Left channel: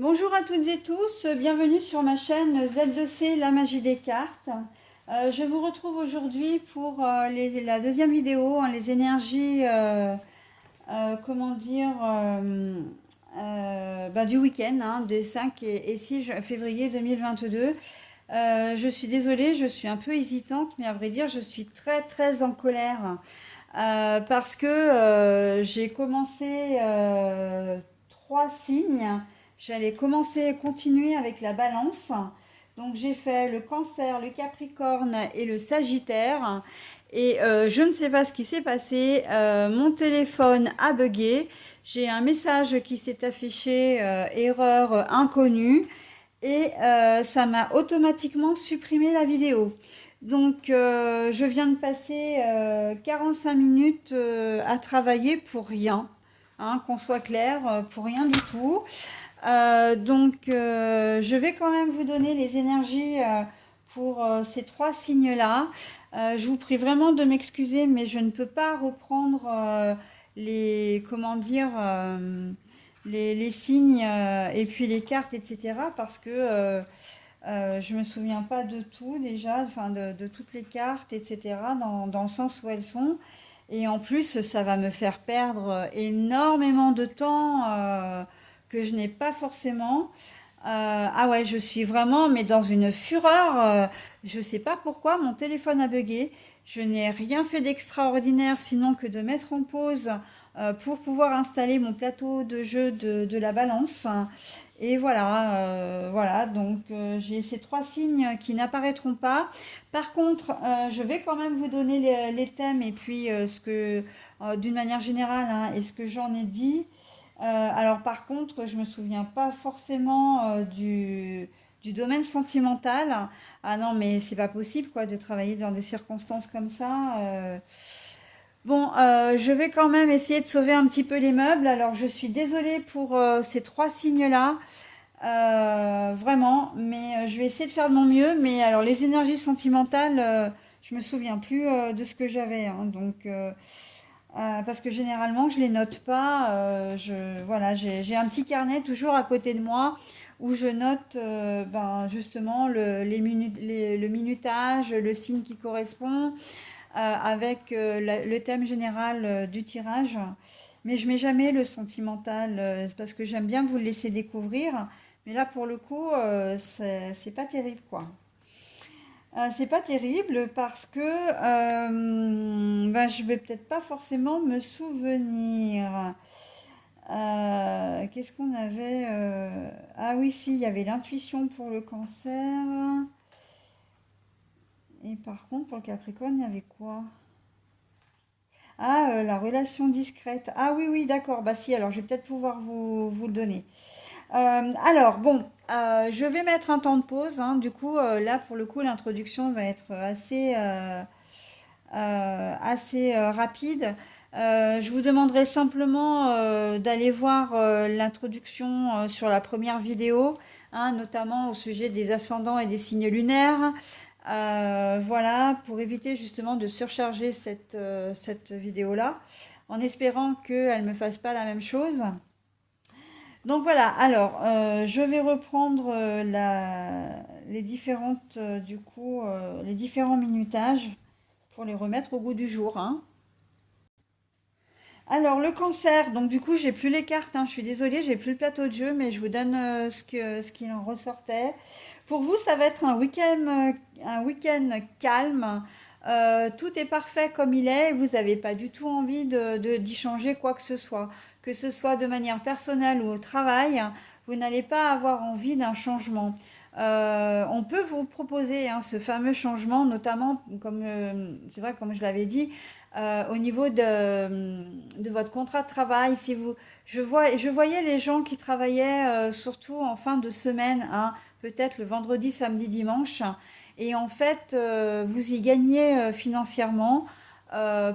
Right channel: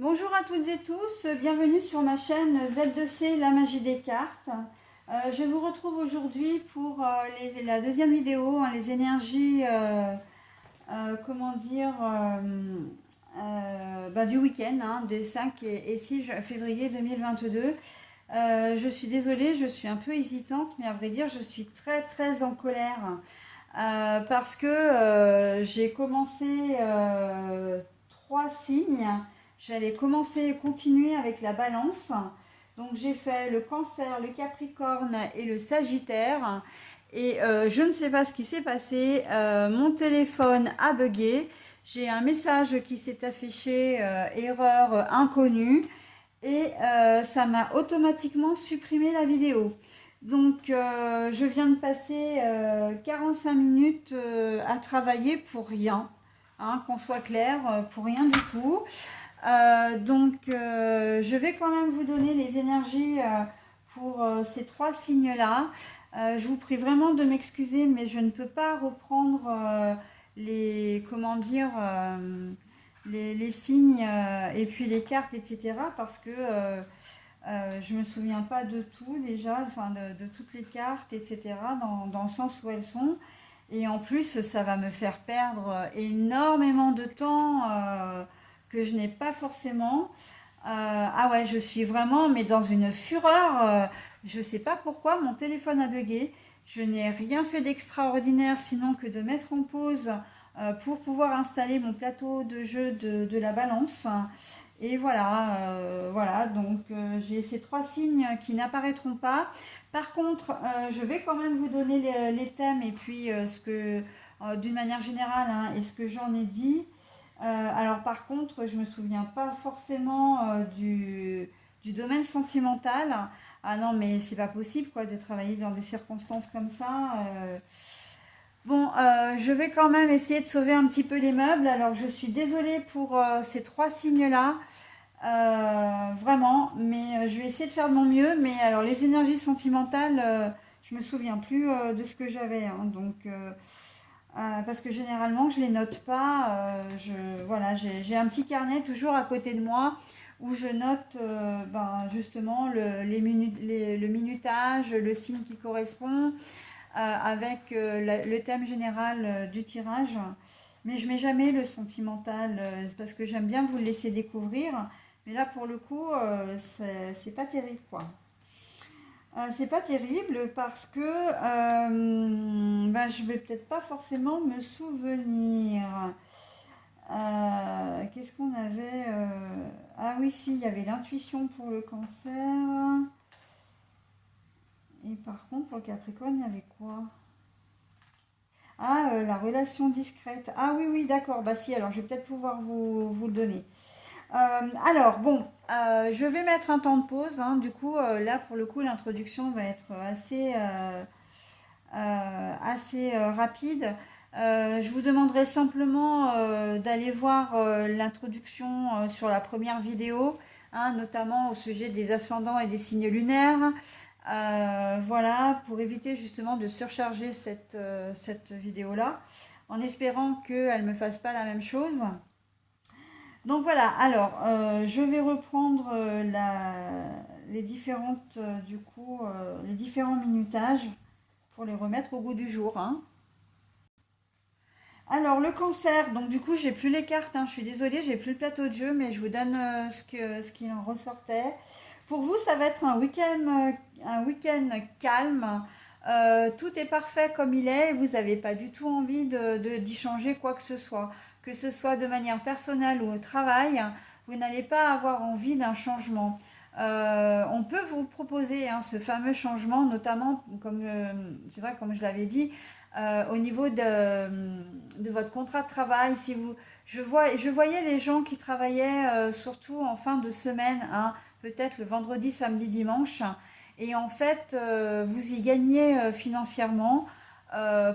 Bonjour à toutes et tous, bienvenue sur ma chaîne Z2C La Magie des Cartes. Je vous retrouve aujourd'hui pour la deuxième vidéo, les énergies, comment dire, du week-end, des 5 et 6 février 2022. Je suis désolée, je suis un peu hésitante, mais à vrai dire, je suis très très en colère parce que j'ai commencé 3 signes. J'allais commencer et continuer avec la balance. Donc j'ai fait le cancer, le capricorne et le sagittaire. Et je ne sais pas ce qui s'est passé. Mon téléphone a bugué. J'ai un message qui s'est affiché, erreur inconnue. Et ça m'a automatiquement supprimé la vidéo. Donc je viens de passer 45 minutes à travailler pour rien. Qu'on soit clair, pour rien du tout. Je vais quand même vous donner les énergies pour ces 3 signes-là. Je vous prie vraiment de m'excuser, mais je ne peux pas reprendre comment dire, les signes et puis les cartes, etc. Parce que je me souviens pas de tout déjà, enfin de toutes les cartes, etc. Dans le sens où elles sont. Et en plus, ça va me faire perdre énormément de temps que je n'ai pas forcément. Ah ouais, je suis vraiment, mais dans une fureur. Je sais pas pourquoi, mon téléphone a bugué. Je n'ai rien fait d'extraordinaire sinon que de mettre en pause pour pouvoir installer mon plateau de jeu de la balance. Et voilà, donc j'ai ces 3 signes qui n'apparaîtront pas. Par contre, je vais quand même vous donner les thèmes et puis d'une manière générale, et ce que j'en ai dit. Alors par contre, je me souviens pas forcément du domaine sentimental. Ah non, mais c'est pas possible quoi de travailler dans des circonstances comme ça. Bon, je vais quand même essayer de sauver un petit peu les meubles. Alors je suis désolée pour ces 3 signes-là. Vraiment, mais je vais essayer de faire de mon mieux. Mais alors les énergies sentimentales, je me souviens plus de ce que j'avais, parce que généralement je les note pas. Voilà, j'ai un petit carnet toujours à côté de moi où je note justement le minutage, le signe qui correspond, avec le thème général du tirage. Mais je mets jamais le sentimental, c'est parce que j'aime bien vous le laisser découvrir. Mais là, pour le coup, c'est pas terrible, quoi. C'est pas terrible parce que je vais peut-être pas forcément me souvenir. Qu'est-ce qu'on avait Ah oui, si, il y avait l'intuition pour le cancer. Et par contre, pour le Capricorne, il y avait quoi? Ah, la relation discrète. Ah oui, oui, d'accord. Bah si, alors je vais peut-être pouvoir vous le donner. Alors, bon, je vais mettre un temps de pause, hein. Du coup, là, pour le coup, l'introduction va être assez rapide. Je vous demanderai simplement d'aller voir l'introduction sur la première vidéo, notamment au sujet des ascendants et des signes lunaires. Voilà, pour éviter justement de surcharger cette vidéo-là, en espérant qu'elle ne me fasse pas la même chose. Donc voilà, alors je vais reprendre les différentes, les différents minutages pour les remettre au goût du jour, hein. Alors le cancer, donc du coup j'ai plus les cartes, je suis désolée, j'ai plus le plateau de jeu, mais je vous donne ce qu'il en ressortait. Pour vous, ça va être un week-end calme. Tout est parfait comme il est, et vous n'avez pas du tout envie d'y changer quoi que ce soit de manière personnelle ou au travail. Vous n'allez pas avoir envie d'un changement. On peut vous proposer ce fameux changement, notamment, comme c'est vrai, comme je l'avais dit, au niveau de votre contrat de travail. Si vous, je voyais les gens qui travaillaient surtout en fin de semaine, peut-être le vendredi, samedi, dimanche, et en fait, vous y gagnez financièrement.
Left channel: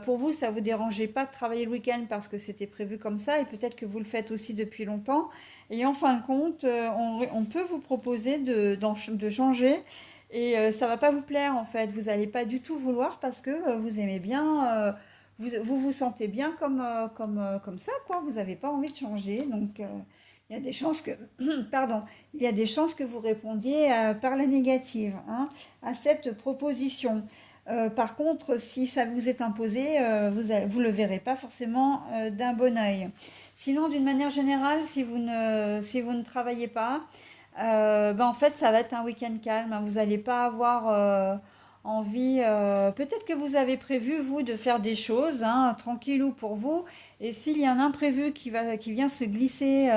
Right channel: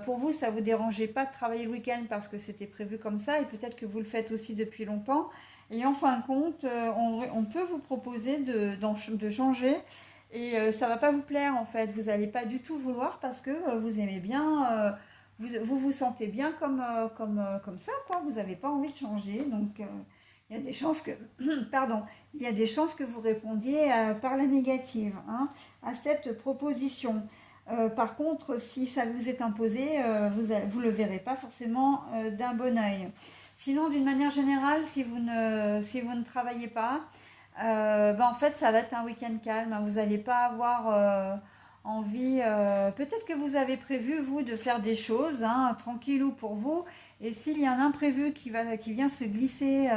Pour vous, ça ne vous dérangeait pas de travailler le week-end parce que c'était prévu comme ça, et peut-être que vous le faites aussi depuis longtemps. Et en fin de compte, on peut vous proposer de changer, et ça va pas vous plaire en fait. Vous n'allez pas du tout vouloir parce que vous aimez bien, vous vous sentez bien comme ça, quoi. Vous n'avez pas envie de changer. Donc, il il y a des chances que, pardon, il y a des chances que vous répondiez par la négative, hein, à cette proposition. Par contre, si ça vous est imposé, vous le verrez pas forcément d'un bon œil. Sinon, d'une manière générale, si vous ne travaillez pas, ben en fait, ça va être un week-end calme, hein. Vous n'allez pas avoir envie. Peut-être que vous avez prévu, vous, de faire des choses, hein, tranquillou pour vous. Et s'il y a un imprévu qui vient se glisser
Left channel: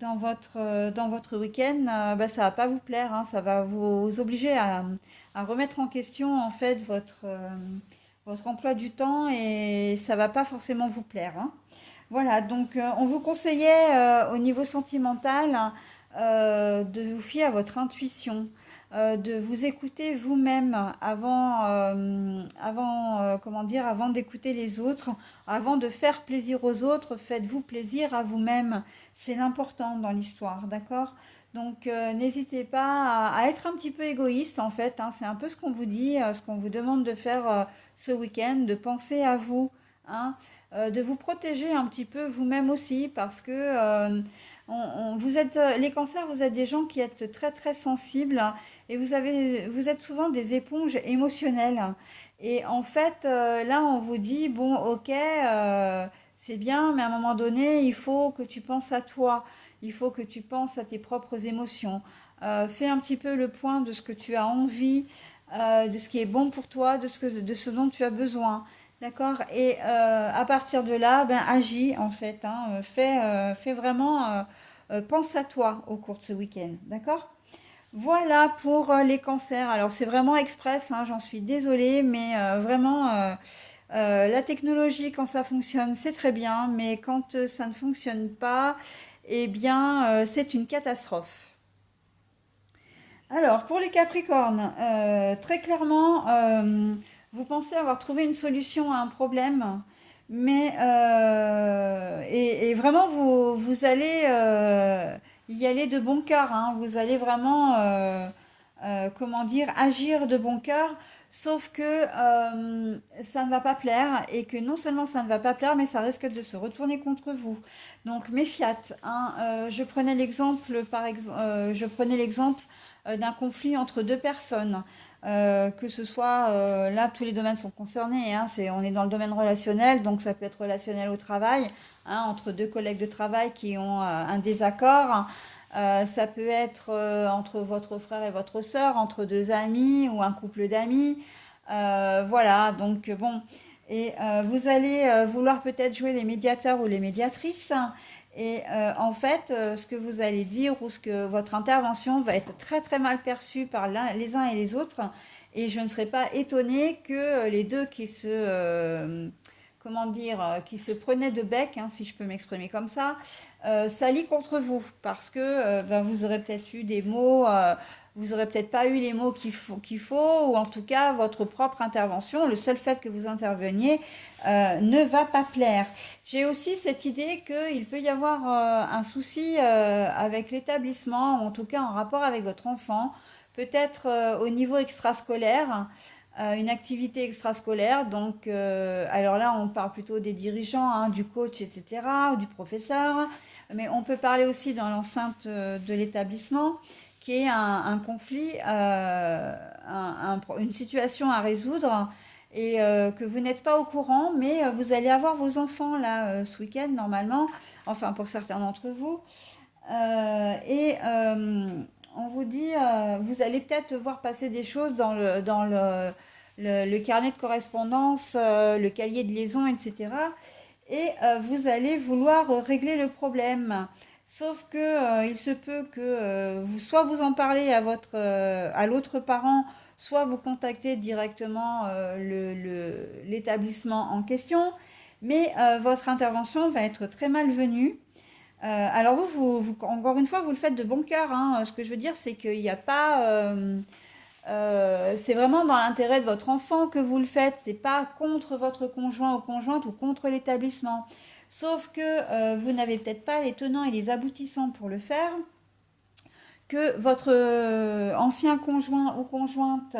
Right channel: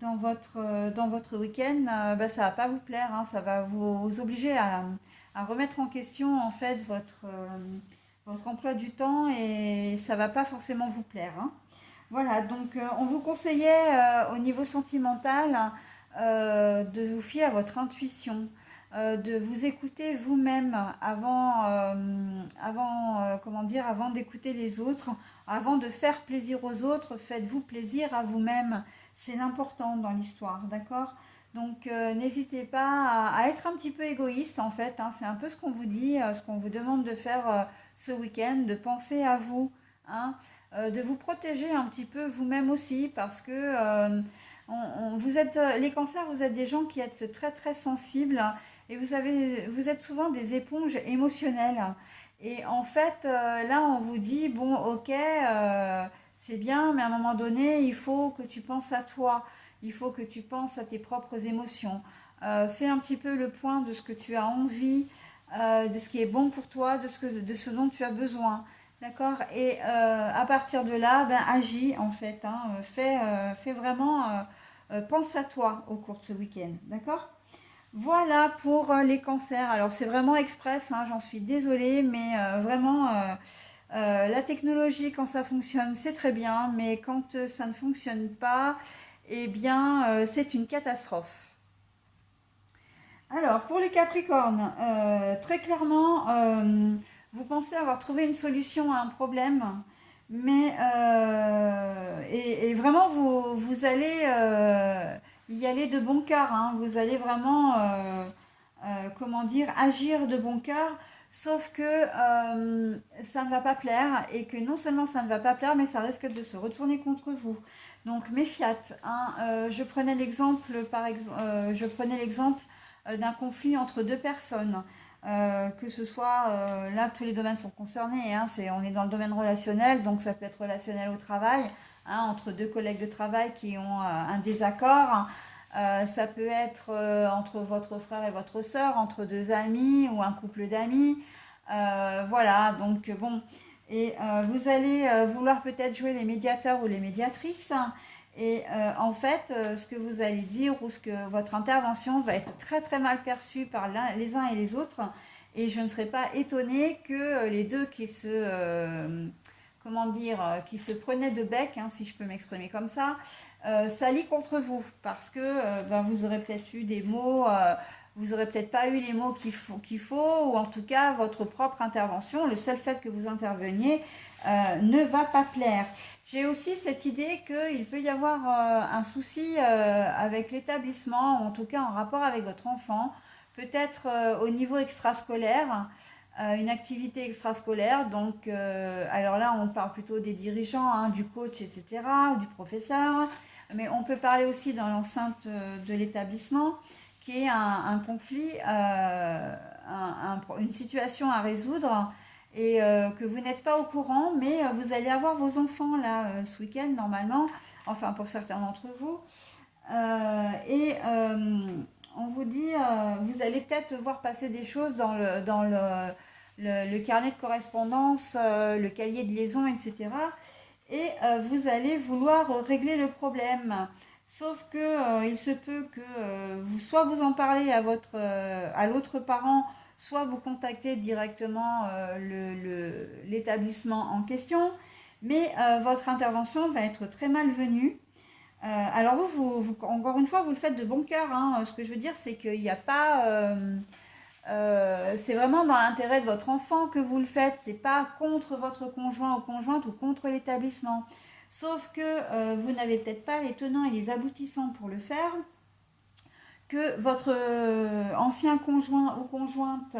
dans votre week-end, ben, ça va pas vous plaire, hein. Ça va vous obliger à remettre en question, en fait, votre emploi du temps et ça va pas forcément vous plaire, hein. Voilà, donc on vous conseillait au niveau sentimental de vous fier à votre intuition, de vous écouter vous-même comment dire, avant d'écouter les autres, avant de faire plaisir aux autres, faites-vous plaisir à vous-même. C'est l'important dans l'histoire, d'accord? Donc n'hésitez pas à être un petit peu égoïste en fait, hein. C'est un peu ce qu'on vous dit, ce qu'on vous demande de faire ce week-end, de penser à vous, hein, de vous protéger un petit peu vous-même aussi parce que vous êtes les cancers, vous êtes des gens qui êtes très très sensibles, hein, et vous êtes souvent des éponges émotionnelles. Et en fait, là, on vous dit, bon, ok, c'est bien, mais à un moment donné, il faut que tu penses à toi, il faut que tu penses à tes propres émotions. Fais un petit peu le point de ce que tu as envie, de ce qui est bon pour toi, de ce dont tu as besoin. D'accord? Et à partir de là, ben, agis en fait, hein, fais vraiment, pense à toi au cours de ce week-end. D'accord? Voilà pour les cancers. Alors c'est vraiment express, hein, j'en suis désolée, mais vraiment, la technologie, quand ça fonctionne, c'est très bien, mais quand ça ne fonctionne pas, eh bien, c'est une catastrophe. Alors, pour les Capricornes, très clairement, vous pensez avoir trouvé une solution à un problème, mais et vraiment vous allez y aller de bon cœur, hein. Vous allez vraiment, comment dire, agir de bon cœur, sauf que ça ne va pas plaire et que non seulement ça ne va pas plaire, mais ça risque de se retourner contre vous. Donc méfiat, hein. Je prenais l'exemple d'un conflit entre deux personnes. Que ce soit, là tous les domaines sont concernés, hein, on est dans le domaine relationnel, donc ça peut être relationnel au travail, hein, entre deux collègues de travail qui ont un désaccord. Ça peut être entre votre frère et votre sœur, entre deux amis ou un couple d'amis. Voilà, donc bon. Et vous allez vouloir peut-être jouer les médiateurs ou les médiatrices. Et en fait, ce que vous allez dire ou ce que votre intervention va être très très mal perçue par les uns et les autres. Et je ne serais pas étonnée que les deux comment dire, qui se prenaient de bec, hein, si je peux m'exprimer comme ça lie contre vous parce que ben, vous aurez peut-être eu des mots, vous aurez peut-être pas eu les mots qu'il faut, ou en tout cas votre propre intervention, le seul fait que vous interveniez ne va pas plaire. J'ai aussi cette idée qu'il peut y avoir un souci avec l'établissement, ou en tout cas en rapport avec votre enfant, peut-être au niveau extrascolaire. Une activité extrascolaire, donc alors là on parle plutôt des dirigeants, hein, du coach, etc., ou du professeur, mais on peut parler aussi dans l'enceinte de l'établissement, qui est un conflit, une situation à résoudre, et que vous n'êtes pas au courant, mais vous allez avoir vos enfants là ce week-end normalement, enfin pour certains d'entre vous, et on vous dit, vous allez peut-être voir passer des choses le carnet de correspondance, le cahier de liaison, etc. Et vous allez vouloir régler le problème. Sauf que il se peut que soit vous en parlez à l'autre parent, soit vous contactez directement l'établissement en question, mais votre intervention va être très malvenue. Alors encore une fois, vous le faites de bon cœur, hein. Ce que je veux dire, c'est qu'il n'y a pas, c'est vraiment dans l'intérêt de votre enfant que vous le faites. C'est pas contre votre conjoint ou conjointe ou contre l'établissement. Sauf que vous n'avez peut-être pas les tenants et les aboutissants pour le faire, que votre ancien conjoint ou conjointe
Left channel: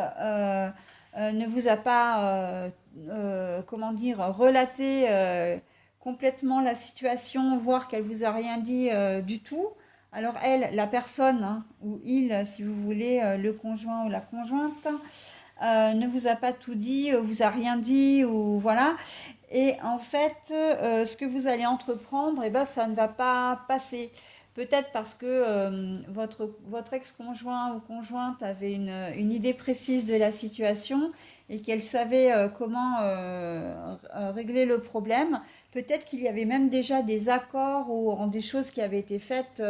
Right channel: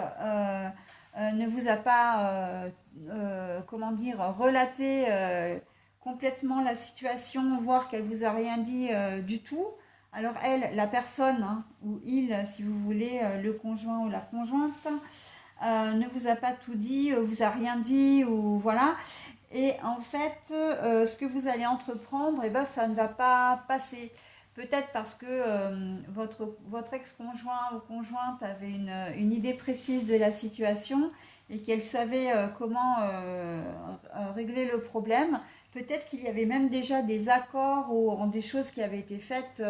ne vous a pas, comment dire, relaté complètement la situation, voir qu'elle vous a rien dit du tout. Alors elle, la personne, hein, ou il, si vous voulez, le conjoint ou la conjointe, ne vous a pas tout dit, vous a rien dit, ou voilà. Et en fait, ce que vous allez entreprendre, eh ben, ça ne va pas passer. Peut-être parce que votre ex-conjoint ou conjointe avait une idée précise de la situation et qu'elle savait comment régler le problème. Peut-être qu'il y avait même déjà des accords ou des choses qui avaient été faites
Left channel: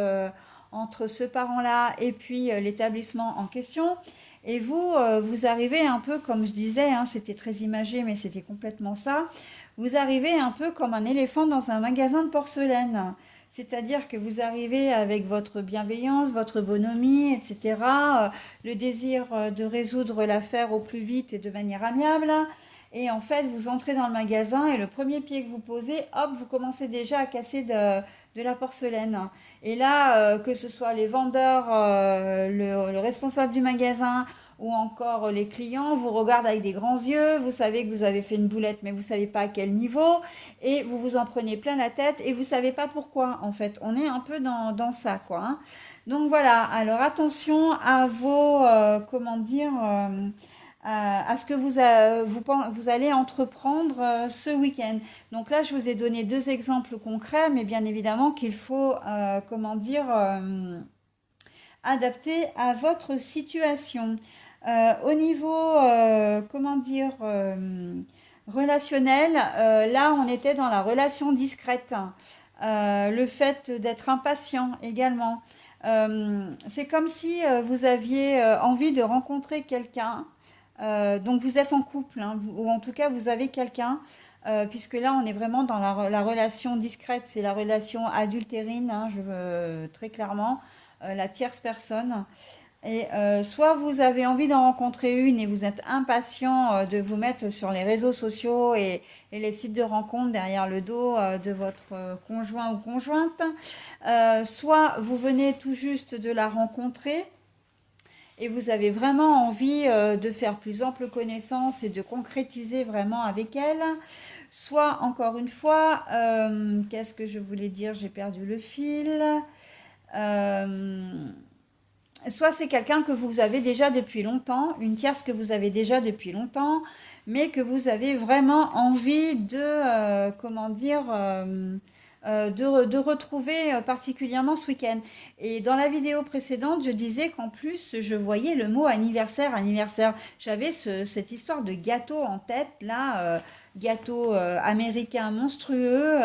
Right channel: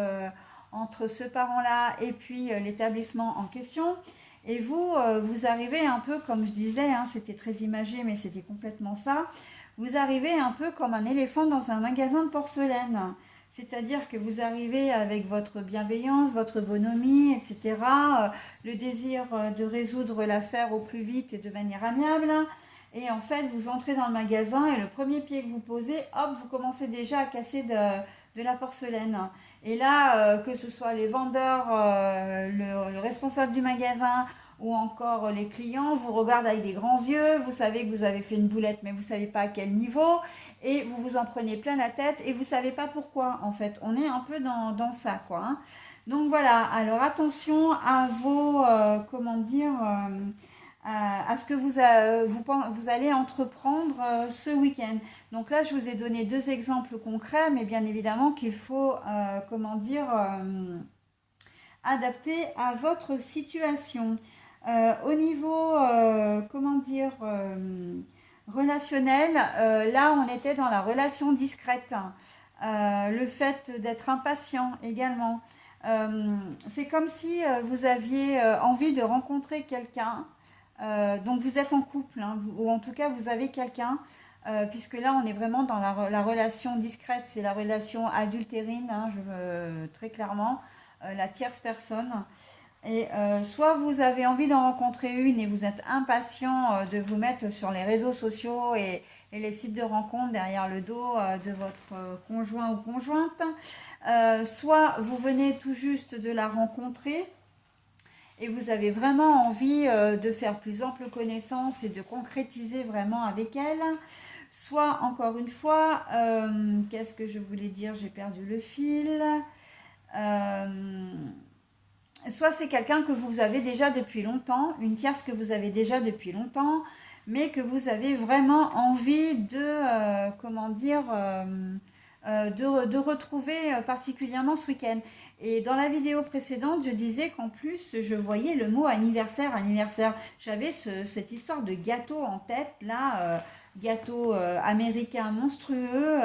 entre ce parent-là et puis l'établissement en question. Et vous, vous arrivez un peu, comme je disais, hein, c'était très imagé, mais c'était complètement ça. Vous arrivez un peu comme un éléphant dans un magasin de porcelaine. C'est-à-dire que vous arrivez avec votre bienveillance, votre bonhomie, etc., le désir de résoudre l'affaire au plus vite et de manière amiable. Et en fait, vous entrez dans le magasin et le premier pied que vous posez, hop, vous commencez déjà à casser de la porcelaine. Et là, que ce soit les vendeurs, le responsable du magasin ou encore les clients, vous regardent avec des grands yeux, vous savez que vous avez fait une boulette, mais vous ne savez pas à quel niveau, et vous vous en prenez plein la tête, et vous ne savez pas pourquoi, en fait. On est un peu dans ça, quoi, hein. Donc voilà, alors attention à vos, comment dire, à ce que vous allez entreprendre ce week-end. Donc là, je vous ai donné deux exemples concrets, mais bien évidemment qu'il faut, comment dire, adapter à votre situation. Au niveau, comment dire, relationnel, là, on était dans la relation discrète. Le fait d'être impatient également. C'est comme si vous aviez envie de rencontrer quelqu'un. Donc vous êtes en couple, hein, ou en tout cas vous avez quelqu'un, puisque là on est vraiment dans la relation discrète, c'est la relation adultérine, hein, très clairement, la tierce personne. Et soit vous avez envie d'en rencontrer une et vous êtes impatient de vous mettre sur les réseaux sociaux et les sites de rencontres derrière le dos de votre conjoint ou conjointe, soit vous venez tout juste de la rencontrer et vous avez vraiment envie de faire plus ample connaissance et de concrétiser vraiment avec elle. Soit, encore une fois, qu'est-ce que je voulais dire? J'ai perdu le fil. Euh, Soit c'est quelqu'un que vous avez déjà depuis longtemps, une tierce que vous avez déjà depuis longtemps, mais que vous avez vraiment envie de, comment dire, de retrouver particulièrement ce week-end. Et dans la vidéo précédente, je disais qu'en plus, je voyais le mot anniversaire, anniversaire. J'avais cette histoire de gâteau en tête, là, gâteau américain monstrueux,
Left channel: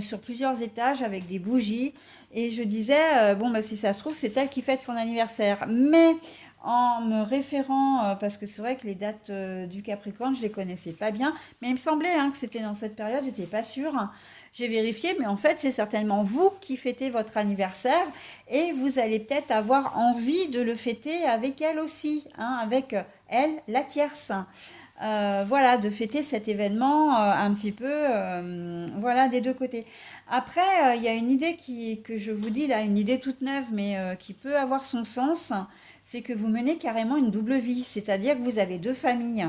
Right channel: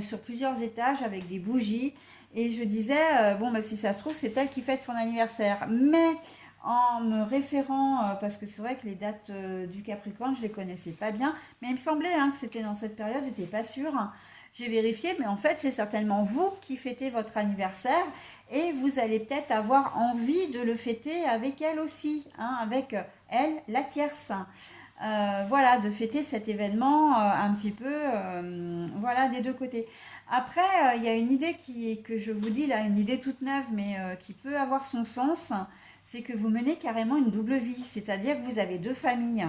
sur plusieurs étages avec des bougies. Et je disais, bon, bah, si ça se trouve, c'est elle qui fête son anniversaire. Mais en me référant, parce que c'est vrai que les dates du Capricorne, je ne les connaissais pas bien, mais il me semblait hein, que c'était dans cette période, j'étais pas sûre. J'ai vérifié, mais en fait, c'est certainement vous qui fêtez votre anniversaire et vous allez peut-être avoir envie de le fêter avec elle aussi, hein, avec elle, la tierce. Voilà, de fêter cet événement un petit peu, voilà, des deux côtés. Après, il y a une idée que je vous dis là, une idée toute neuve, mais qui peut avoir son sens, c'est que vous menez carrément une double vie, c'est-à-dire que vous avez deux familles.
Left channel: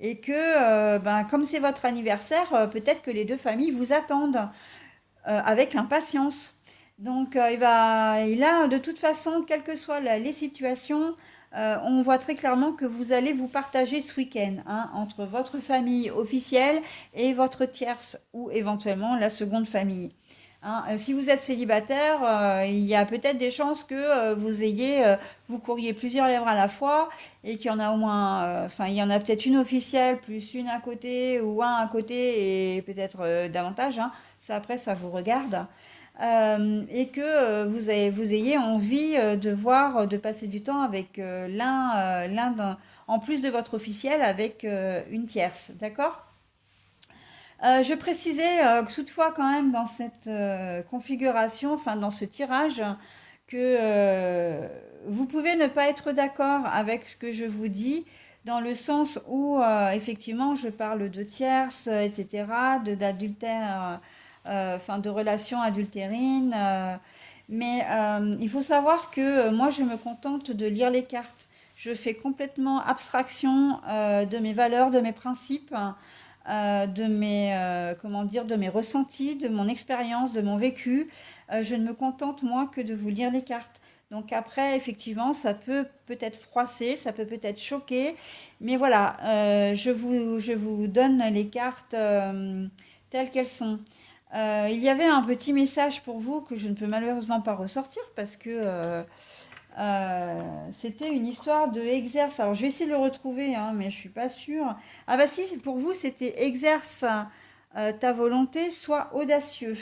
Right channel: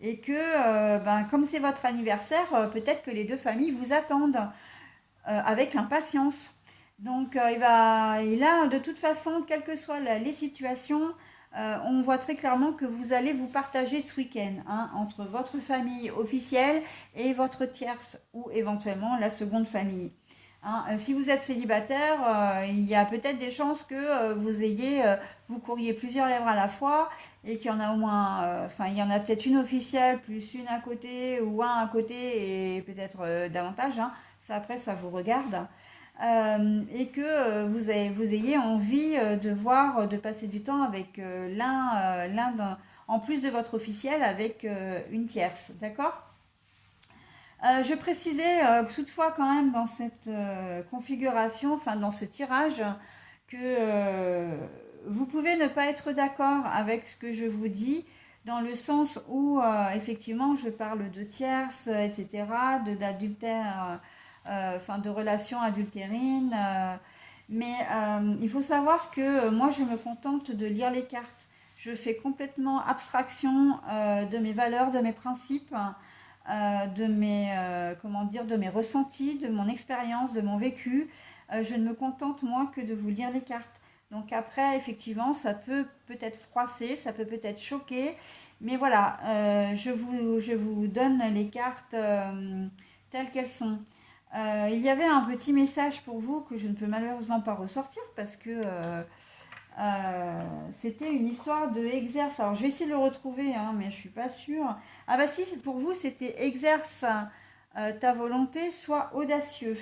Et que, ben, comme c'est votre anniversaire, peut-être que les deux familles vous attendent avec impatience. Donc, et là, de toute façon, quelles que soient les situations, on voit très clairement que vous allez vous partager ce week-end hein, entre votre famille officielle et votre tierce ou éventuellement la seconde famille. Hein, si vous êtes célibataire, il y a peut-être des chances que vous couriez plusieurs lèvres à la fois et qu'il y en a au moins, enfin il y en a peut-être une officielle plus une à côté ou un à côté et peut-être davantage. Hein, ça après ça vous regarde. Et que vous ayez envie de voir, de passer du temps avec en plus de votre officiel, avec une tierce, d'accord? Je précisais que toutefois quand même dans cette configuration, enfin dans ce tirage, que vous pouvez ne pas être d'accord avec ce que je vous dis, dans le sens où effectivement je parle de tierces, etc., d'adultère, enfin de relations adultérines, mais il faut savoir que moi je me contente de lire les cartes. Je fais complètement abstraction de mes valeurs, de mes principes. comment dire, de mes ressentis, de mon expérience, de mon vécu. Je ne me contente moi que de vous lire les cartes. Donc après, effectivement, ça peut peut-être froisser, ça peut peut-être choquer, mais voilà, je vous donne les cartes telles qu'elles sont. Il y avait un petit message pour vous que je ne peux malheureusement pas ressortir parce que c'était une histoire de exerce. Alors je vais essayer de le retrouver, hein, mais je suis pas sûre. Ah bah si, pour vous c'était exerce ta volonté, sois audacieux.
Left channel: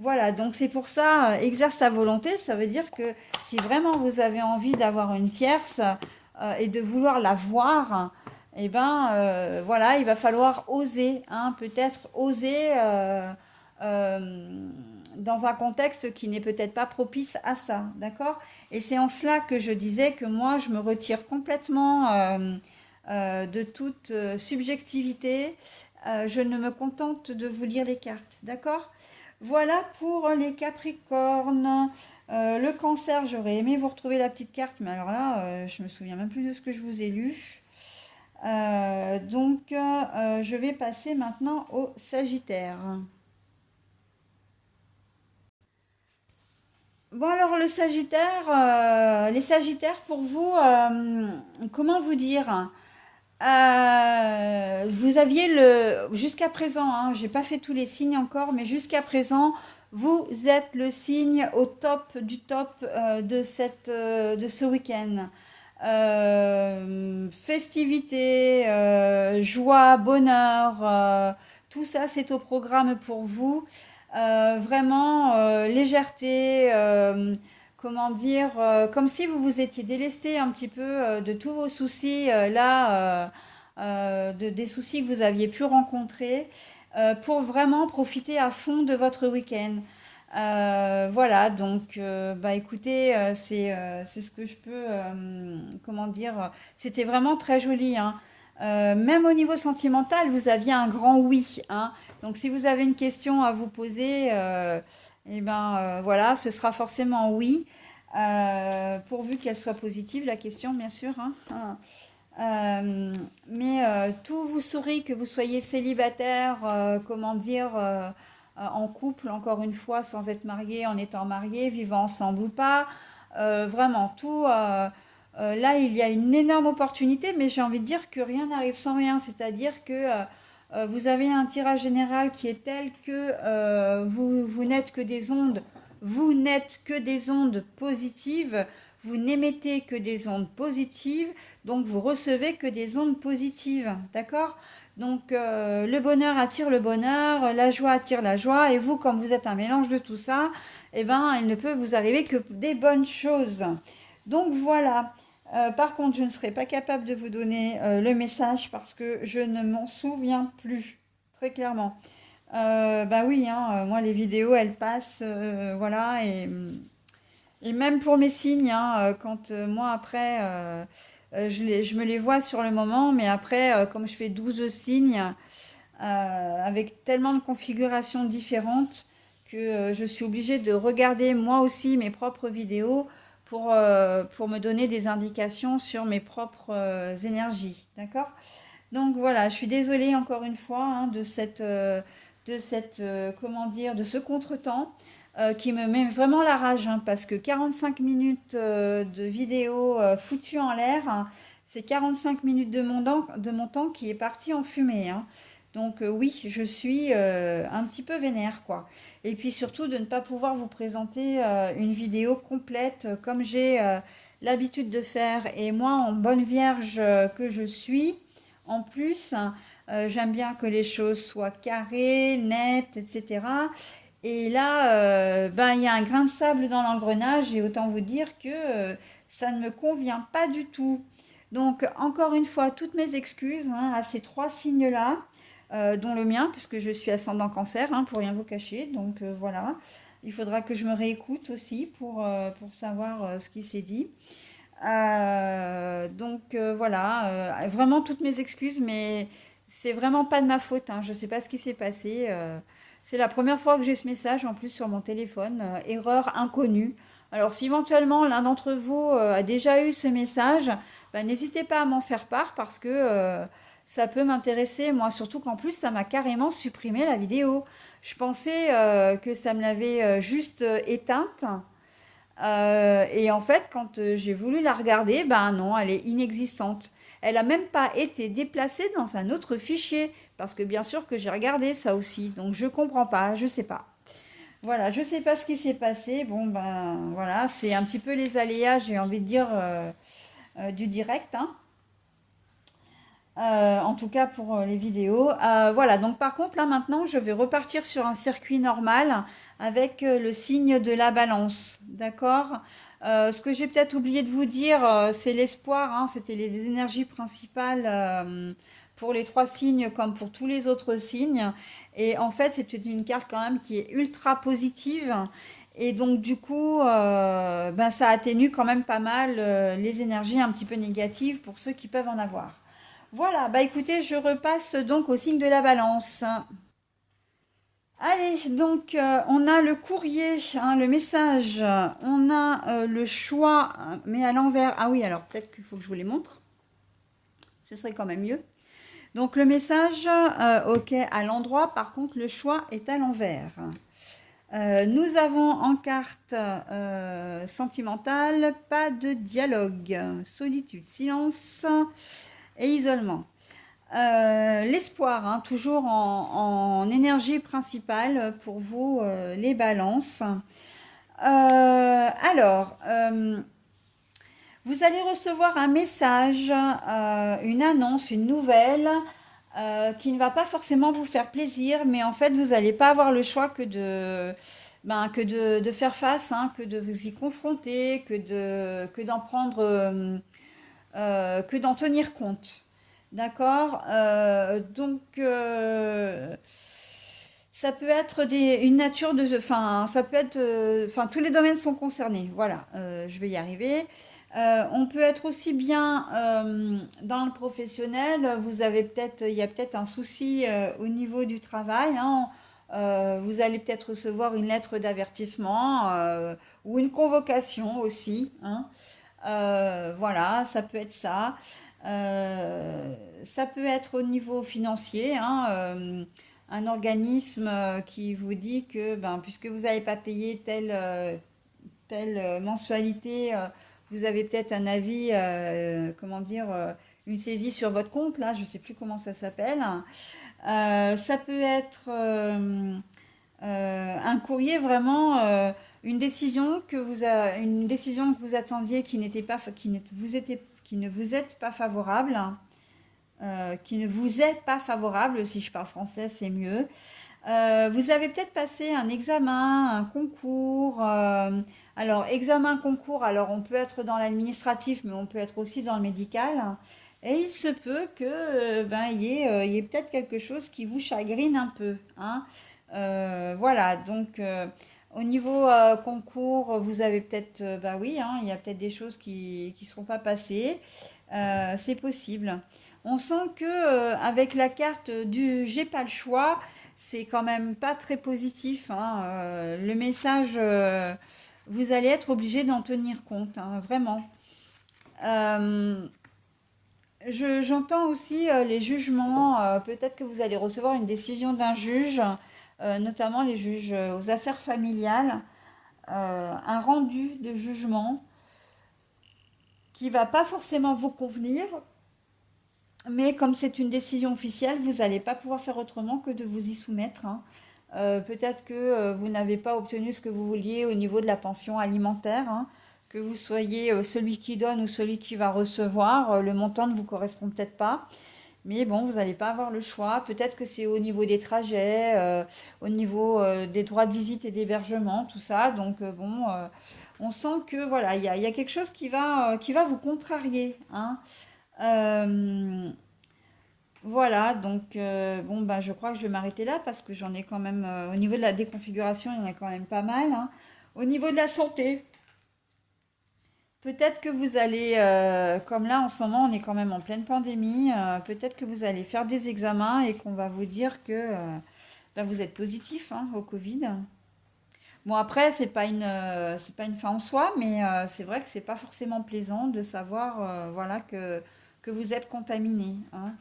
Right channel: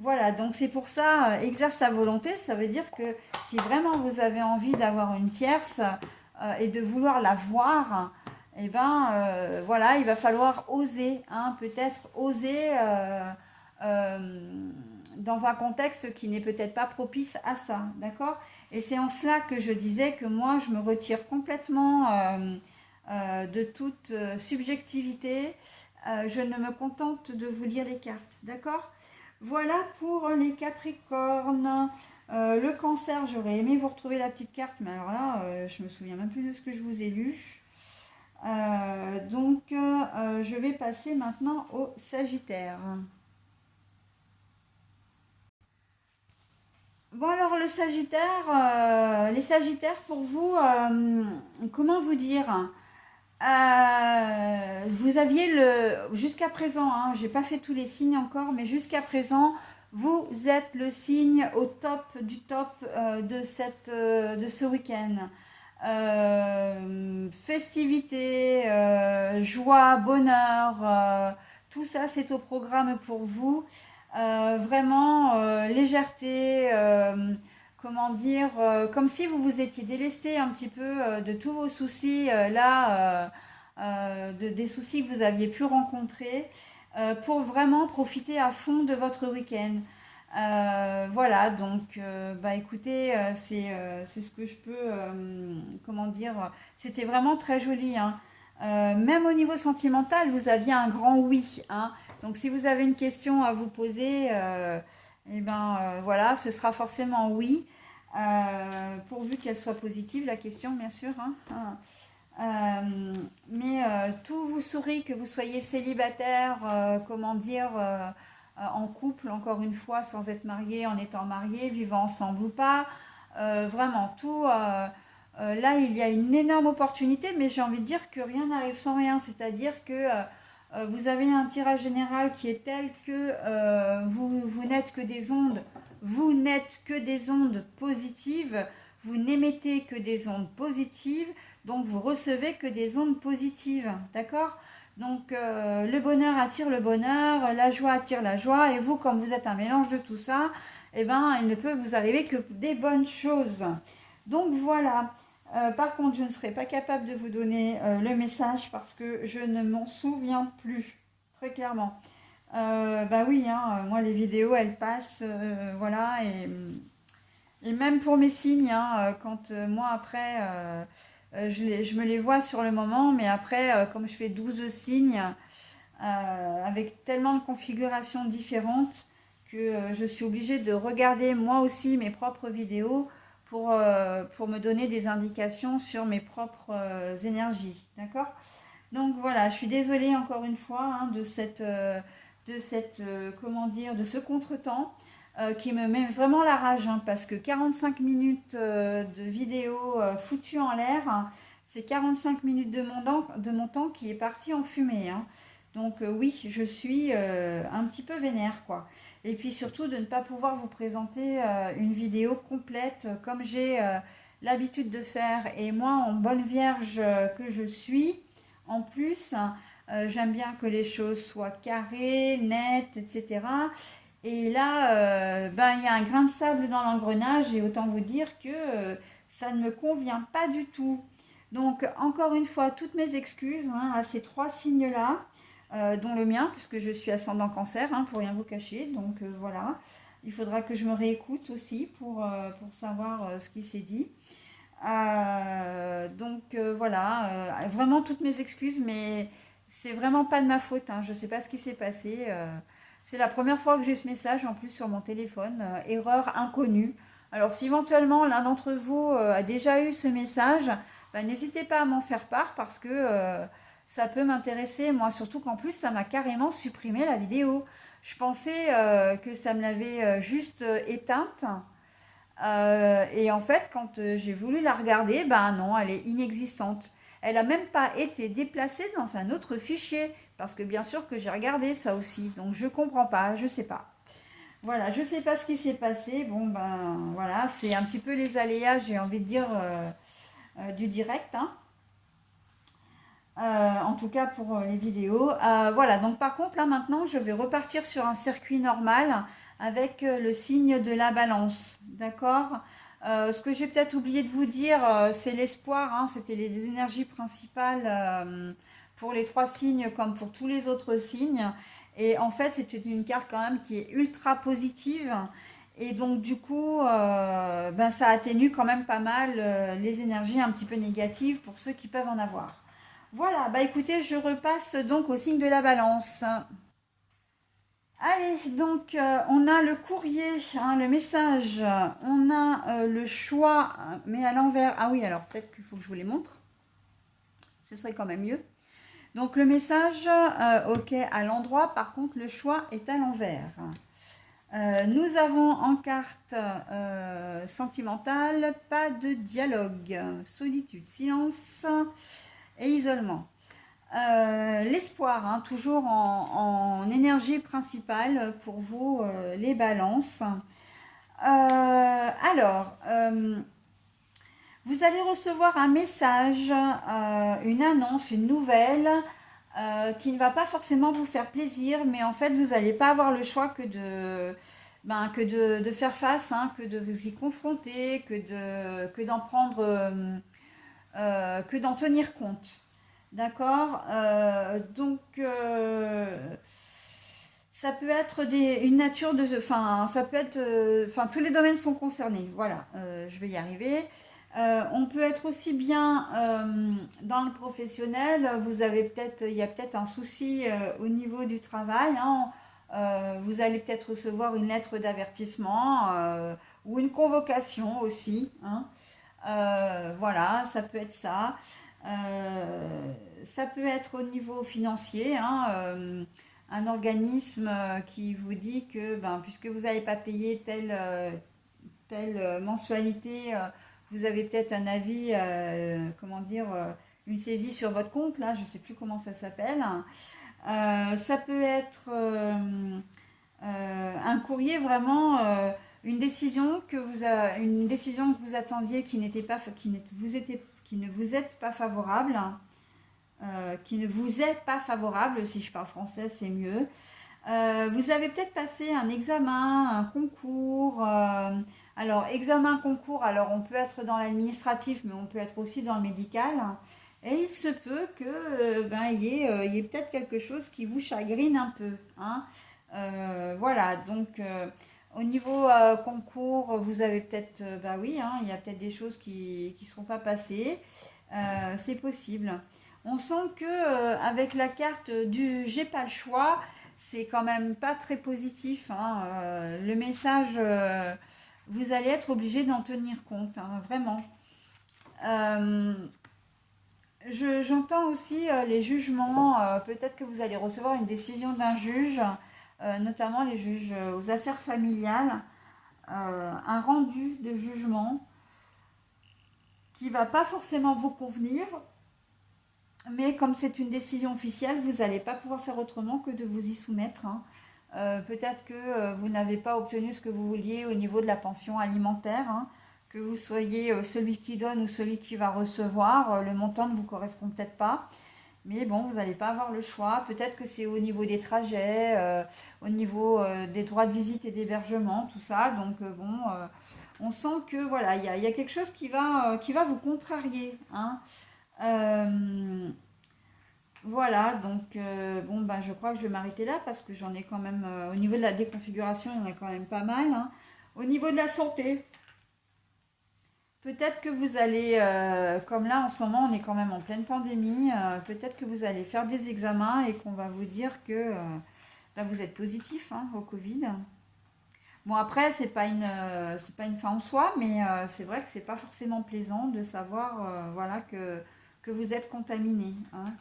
Voilà, donc c'est pour ça, exerce ta volonté, ça veut dire que si vraiment vous avez envie d'avoir une tierce et de vouloir la voir, eh ben voilà, il va falloir oser, hein, peut-être oser euh, dans un contexte qui n'est peut-être pas propice à ça, d'accord? Et c'est en cela que je disais que moi, je me retire complètement de toute subjectivité. Je ne me contente de vous lire les cartes, d'accord? Voilà pour les Capricornes. Le Cancer, j'aurais aimé vous retrouver la petite carte, mais alors là, je me souviens même plus de ce que je vous ai lu. Je vais passer maintenant au Sagittaire. Bon alors le Sagittaire, les Sagittaires pour vous, comment vous dire? Vous aviez jusqu'à présent, hein, j'ai pas fait tous les signes encore, mais jusqu'à présent, vous êtes le signe au top du top de ce week-end. Festivités, joie, bonheur, tout ça c'est au programme pour vous. Vraiment légèreté, comment dire, comme si vous vous étiez délesté un petit peu de tous vos soucis des soucis que vous aviez pu rencontrer pour vraiment profiter à fond de votre week-end. Voilà, donc bah écoutez, c'est ce que je peux, comment dire, c'était vraiment très joli, hein. Même au niveau sentimental, vous aviez un grand oui, hein. Donc si vous avez une question à vous poser, eh ben voilà, ce sera forcément oui, pourvu qu'elle soit positive, la question, bien sûr, hein. Tout vous sourit, que vous soyez célibataire, comment dire, en couple, encore une fois, sans être marié, en étant marié, vivant ensemble ou pas. Vraiment, tout. Là, il y a une énorme opportunité, mais j'ai envie de dire que rien n'arrive sans rien. C'est-à-dire que vous avez un tirage général qui est tel que vous n'êtes que des ondes, vous n'êtes que des ondes positives, vous n'émettez que des ondes positives, donc vous recevez que des ondes positives, d'accord? Donc le bonheur attire le bonheur, la joie attire la joie, et vous, comme vous êtes un mélange de tout ça, eh ben, il ne peut vous arriver que des bonnes choses. Donc voilà. Par contre, je ne serai pas capable de vous donner le message parce que je ne m'en souviens plus, très clairement. Bah oui, hein, moi les vidéos elles passent, voilà, et même pour mes signes, hein, quand moi après, je me les vois sur le moment, mais après, comme je fais 12 signes, avec tellement de configurations différentes, que je suis obligée de regarder moi aussi mes propres vidéos pour me donner des indications sur mes propres énergies, d'accord? Donc voilà, je suis désolée encore une fois hein, comment dire, de ce contretemps qui me met vraiment la rage hein, parce que 45 minutes de vidéo foutue en l'air, hein, c'est 45 minutes de mon temps qui est parti en fumée, hein. Donc oui, je suis un petit peu vénère quoi. Et puis surtout de ne pas pouvoir vous présenter une vidéo complète comme j'ai l'habitude de faire. Et moi, en bonne vierge que je suis, en plus, j'aime bien que les choses soient carrées, nettes, etc. Et là, ben, il y a un grain de sable dans l'engrenage et autant vous dire que ça ne me convient pas du tout. Donc, encore une fois, toutes mes excuses hein, à ces trois signes-là, dont le mien, puisque je suis ascendant cancer, hein, pour rien vous cacher. Donc, voilà. Il faudra que je me réécoute aussi pour savoir ce qui s'est dit. Voilà, vraiment toutes mes excuses, mais c'est vraiment pas de ma faute, hein. Je sais pas ce qui s'est passé. C'est la première fois que j'ai ce message en plus sur mon téléphone, erreur inconnue. Alors si éventuellement l'un d'entre vous a déjà eu ce message, ben, n'hésitez pas à m'en faire part parce que ça peut m'intéresser. Moi, surtout qu'en plus, ça m'a carrément supprimé la vidéo. Je pensais que ça me l'avait juste éteinte. Et en fait, quand j'ai voulu la regarder, ben non, elle est inexistante. Elle a même pas été déplacée dans un autre fichier, parce que bien sûr que j'ai regardé ça aussi. Donc je comprends pas, je sais pas. Voilà, je sais pas ce qui s'est passé. Bon ben voilà, c'est un petit peu les aléas, j'ai envie de dire du direct, hein. En tout cas pour les vidéos. Voilà, donc par contre là maintenant je vais repartir sur un circuit normal avec le signe de la balance. D'accord. Ce que j'ai peut-être oublié de vous dire, c'est l'espoir, hein, c'était les énergies principales pour les trois signes comme pour tous les autres signes. Et en fait c'était une carte quand même qui est ultra positive. Et donc du coup, ben, ça atténue quand même pas mal les énergies un petit peu négatives pour ceux qui peuvent en avoir. Voilà, bah écoutez, je repasse donc au signe de la balance. Allez, donc on a le courrier, hein, le message, on a le choix, mais à l'envers. Ah oui, alors peut-être qu'il faut que je vous les montre, ce serait quand même mieux. Donc le message, ok, à l'endroit, par contre le choix est à l'envers. Nous avons en carte sentimentale, pas de dialogue, solitude, silence et isolement. L'espoir, hein, toujours en énergie principale pour vous, les balances. Vous allez recevoir un message, une annonce, une nouvelle qui ne va pas forcément vous faire plaisir, mais en fait, vous n'allez pas avoir le choix que de faire face, hein, que de vous y confronter, que d'en prendre, que d'en tenir compte. D'accord. Ça peut être une nature de... Enfin, ça peut être... Enfin, tous les domaines sont concernés. Voilà, je vais y arriver. On peut être aussi bien dans le professionnel. Il y a peut-être un souci au niveau du travail, hein. Vous allez peut-être recevoir une lettre d'avertissement ou une convocation aussi, hein. Voilà, ça peut être ça. Ça peut être au niveau financier, hein, un organisme qui vous dit que ben, puisque vous n'avez pas payé telle mensualité, vous avez peut-être un avis, comment dire, une saisie sur votre compte, là, je ne sais plus comment ça s'appelle. Ça peut être un courrier vraiment, une décision que vous attendiez qui n'était pas, qui ne vous est pas favorable, qui ne vous est pas favorable, si je parle français, c'est mieux. Vous avez peut-être passé un examen, un concours. Alors, examen, concours, alors on peut être dans l'administratif, mais on peut être aussi dans le médical. Et il se peut que ben, il y ait peut-être quelque chose qui vous chagrine un peu, hein. Voilà, donc au niveau concours, vous avez peut-être, bah oui, hein, il y a peut-être des choses qui ne seront pas passées. C'est possible. On sent que avec la carte du j'ai pas le choix, c'est quand même pas très positif, hein. Le message, vous allez être obligé d'en tenir compte, hein, vraiment. Euh, J'entends aussi les jugements. Peut-être que vous allez recevoir une décision d'un juge, notamment les juges aux affaires familiales, un rendu de jugement qui va pas forcément vous convenir, mais comme c'est une décision officielle, vous n'allez pas pouvoir faire autrement que de vous y soumettre, hein. Peut-être que vous n'avez pas obtenu ce que vous vouliez au niveau de la pension alimentaire, hein, que vous soyez celui qui donne ou celui qui va recevoir, le montant ne vous correspond peut-être pas. Mais bon, vous n'allez pas avoir le choix. Peut-être que c'est au niveau des trajets, au niveau des droits de visite et d'hébergement, tout ça. Donc bon, on sent que voilà, il y a quelque chose qui va vous contrarier, hein. Euh, voilà, donc bon, ben, je crois que je vais m'arrêter là parce que j'en ai quand même, au niveau de la déconfiguration, il y en a quand même pas mal, hein. Au niveau de la santé, peut-être que vous allez, comme là en ce moment on est quand même en pleine pandémie, peut-être que vous allez faire des examens et qu'on va vous dire que ben, vous êtes positif, hein, au Covid. Bon après c'est pas une fin en soi, mais c'est vrai que c'est pas forcément plaisant de savoir voilà que vous êtes contaminé, hein.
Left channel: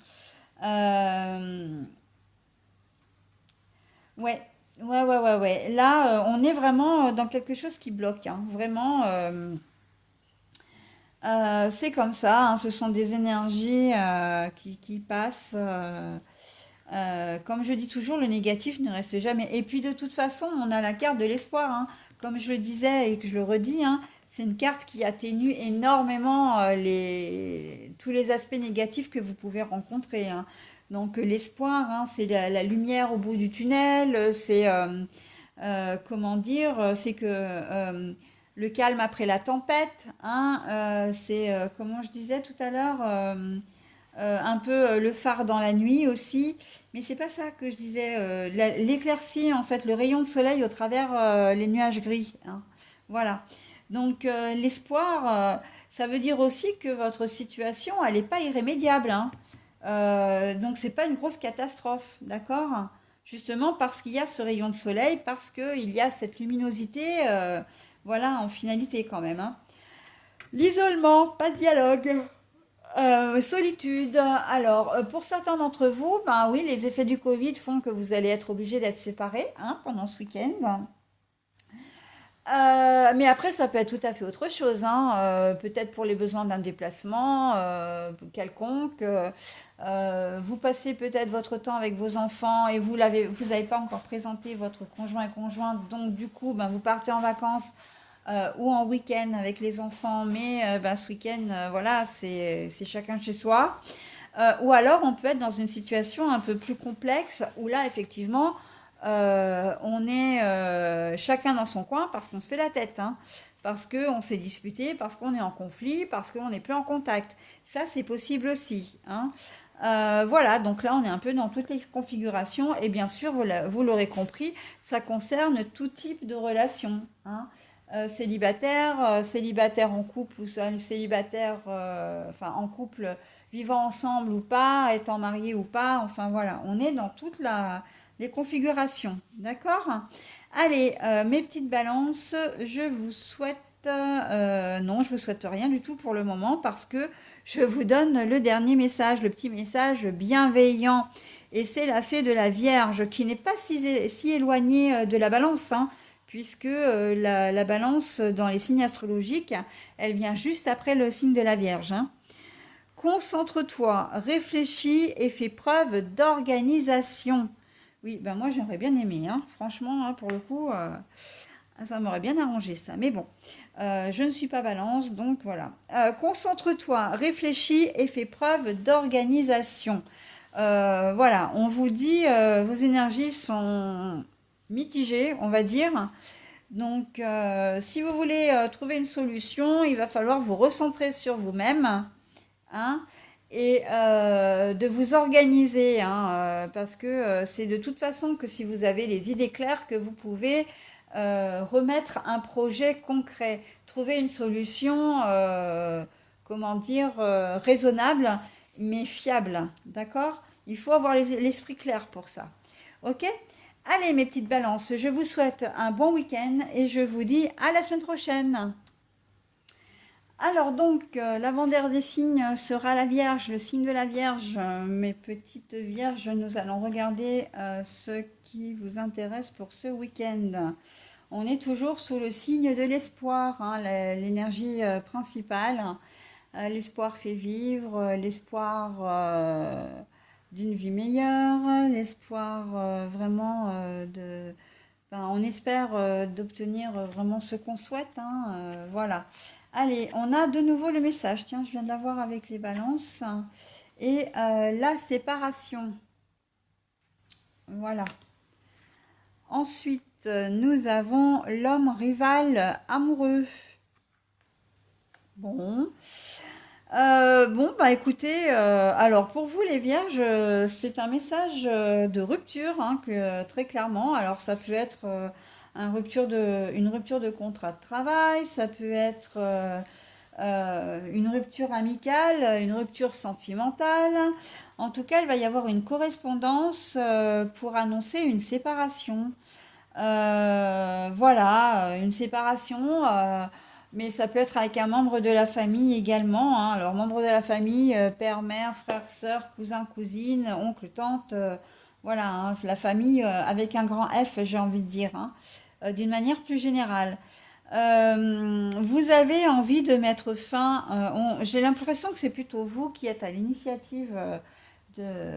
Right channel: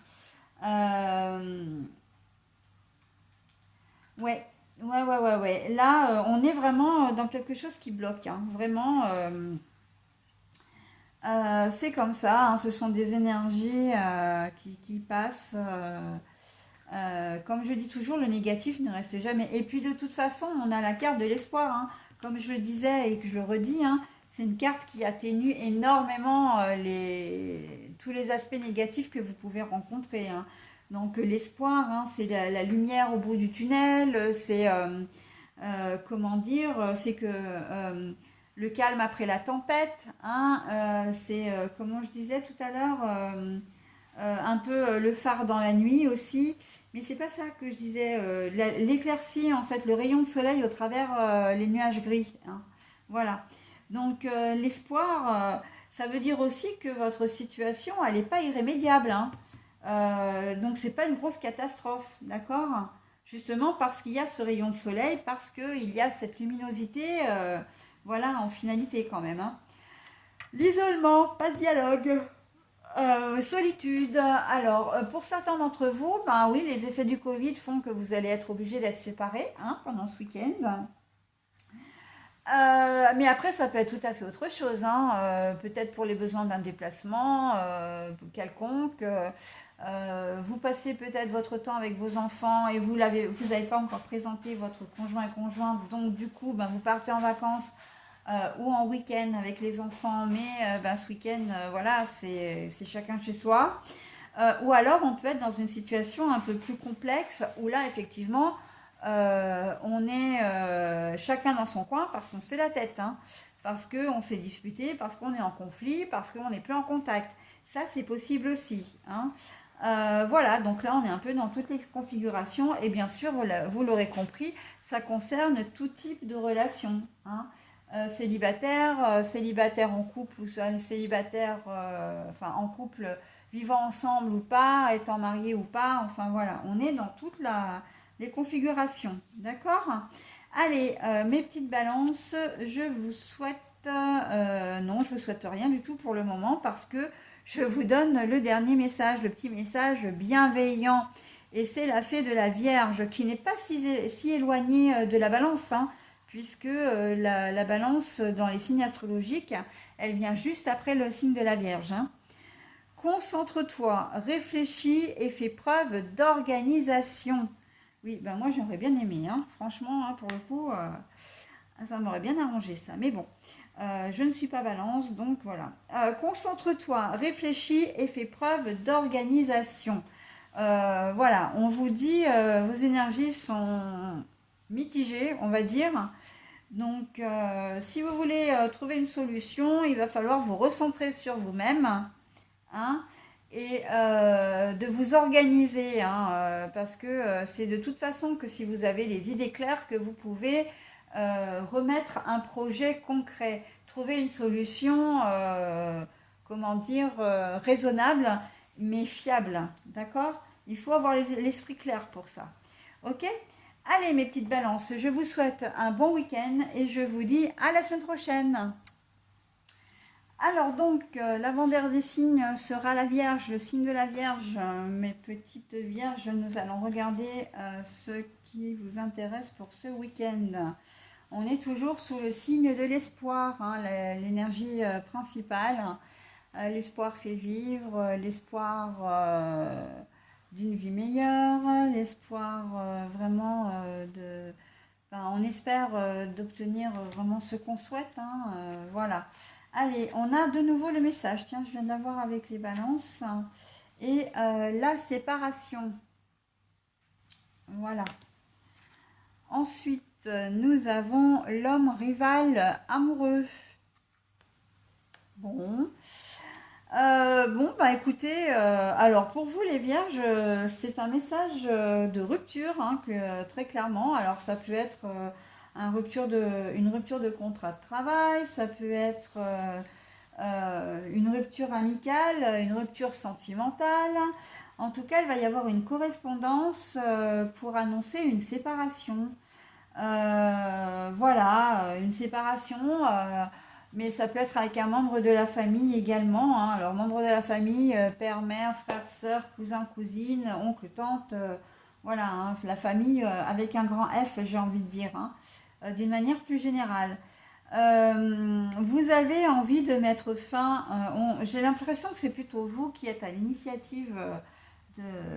Euh, ouais, ouais. Là, on est vraiment dans quelque chose qui bloque, hein. Vraiment, c'est comme ça, hein. Ce sont des énergies qui passent. Comme je dis toujours, le négatif ne reste jamais. Et puis de toute façon, on a la carte de l'espoir, hein. Comme je le disais et que je le redis, hein, c'est une carte qui atténue énormément tous les aspects négatifs que vous pouvez rencontrer, hein. Donc l'espoir, hein, c'est la lumière au bout du tunnel, c'est comment dire, c'est que le calme après la tempête, hein, c'est comment je disais tout à l'heure. Un peu le phare dans la nuit aussi, mais c'est pas ça que je disais. L'éclaircie, en fait, le rayon de soleil au travers les nuages gris, hein. Voilà. Donc l'espoir, ça veut dire aussi que votre situation, elle n'est pas irrémédiable, hein. Donc c'est pas une grosse catastrophe, d'accord? Justement parce qu'il y a ce rayon de soleil, parce qu'il y a cette luminosité, voilà, en finalité quand même, hein. L'isolement, pas de dialogue. Solitude. Alors, pour certains d'entre vous, ben oui, les effets du Covid font que vous allez être obligés d'être séparés, hein, pendant ce week-end. Mais après, ça peut être tout à fait autre chose, hein. Peut-être pour les besoins d'un déplacement quelconque. Vous passez peut-être votre temps avec vos enfants et vous n'avez pas encore présenté votre conjoint et conjointe. Donc, du coup, ben, vous partez en vacances ou en week-end avec les enfants. Mais ben, ce week-end, voilà, c'est chacun chez soi. Ou alors, on peut être dans une situation un peu plus complexe où là, effectivement, on est chacun dans son coin parce qu'on se fait la tête, hein, parce qu'on s'est disputé, parce qu'on est en conflit, parce qu'on n'est plus en contact. Ça, c'est possible aussi, hein. Voilà, donc là, on est un peu dans toutes les configurations. Et bien sûr, vous l'aurez compris, ça concerne tout type de relation, hein. Célibataire en couple ou seul, célibataire, enfin en couple vivant ensemble ou pas, étant marié ou pas, enfin voilà, on est dans les configurations, d'accord? Allez, mes petites balances, je vous souhaite, non, je vous souhaite rien du tout pour le moment parce que je vous donne le dernier message, le petit message bienveillant. Et c'est la fée de la Vierge qui n'est pas si éloignée de la balance, hein, puisque la balance dans les signes astrologiques, elle vient juste après le signe de la Vierge, hein. Concentre-toi, réfléchis et fais preuve d'organisation. Oui, ben moi j'aurais bien aimé, hein. Franchement, hein, pour le coup, ça m'aurait bien arrangé ça. Mais bon, je ne suis pas balance, donc voilà. Concentre-toi, réfléchis et fais preuve d'organisation. Voilà, on vous dit, vos énergies sont mitigées, on va dire. Donc, si vous voulez trouver une solution, il va falloir vous recentrer sur vous-même, hein, et de vous organiser, hein, parce que c'est de toute façon que si vous avez les idées claires que vous pouvez remettre un projet concret, trouver une solution, comment dire, raisonnable mais fiable, d'accord? Il faut avoir l'esprit clair pour ça. Ok? Allez mes petites balances, je vous souhaite un bon week-end et je vous dis à la semaine prochaine. Alors donc, l'avant-dernier des signes sera la Vierge, le signe de la Vierge. Mes petites Vierges, nous allons regarder ce qui vous intéresse pour ce week-end. On est toujours sous le signe de l'espoir, hein, l'énergie principale. L'espoir fait vivre, l'espoir d'une vie meilleure, l'espoir vraiment ben, on espère d'obtenir vraiment ce qu'on souhaite, hein, voilà. Allez, on a de nouveau le message. Tiens, je viens de l'avoir avec les balances. Et la séparation. Voilà. Ensuite, nous avons l'homme rival amoureux. Bon. Bon, bah écoutez, alors pour vous les vierges, c'est un message de rupture, hein, très clairement. Alors ça peut être une rupture de contrat de travail, ça peut être une rupture amicale, une rupture sentimentale. En tout cas, il va y avoir une correspondance pour annoncer une séparation. Voilà, une séparation. mais ça peut être avec un membre de la famille également, hein. Alors, membre de la famille, père, mère, frère, sœur, cousin, cousine, oncle, tante, voilà, hein, la famille avec un grand F, j'ai envie de dire, hein, d'une manière plus générale. Vous avez envie de mettre fin, j'ai l'impression que c'est plutôt vous qui êtes à l'initiative,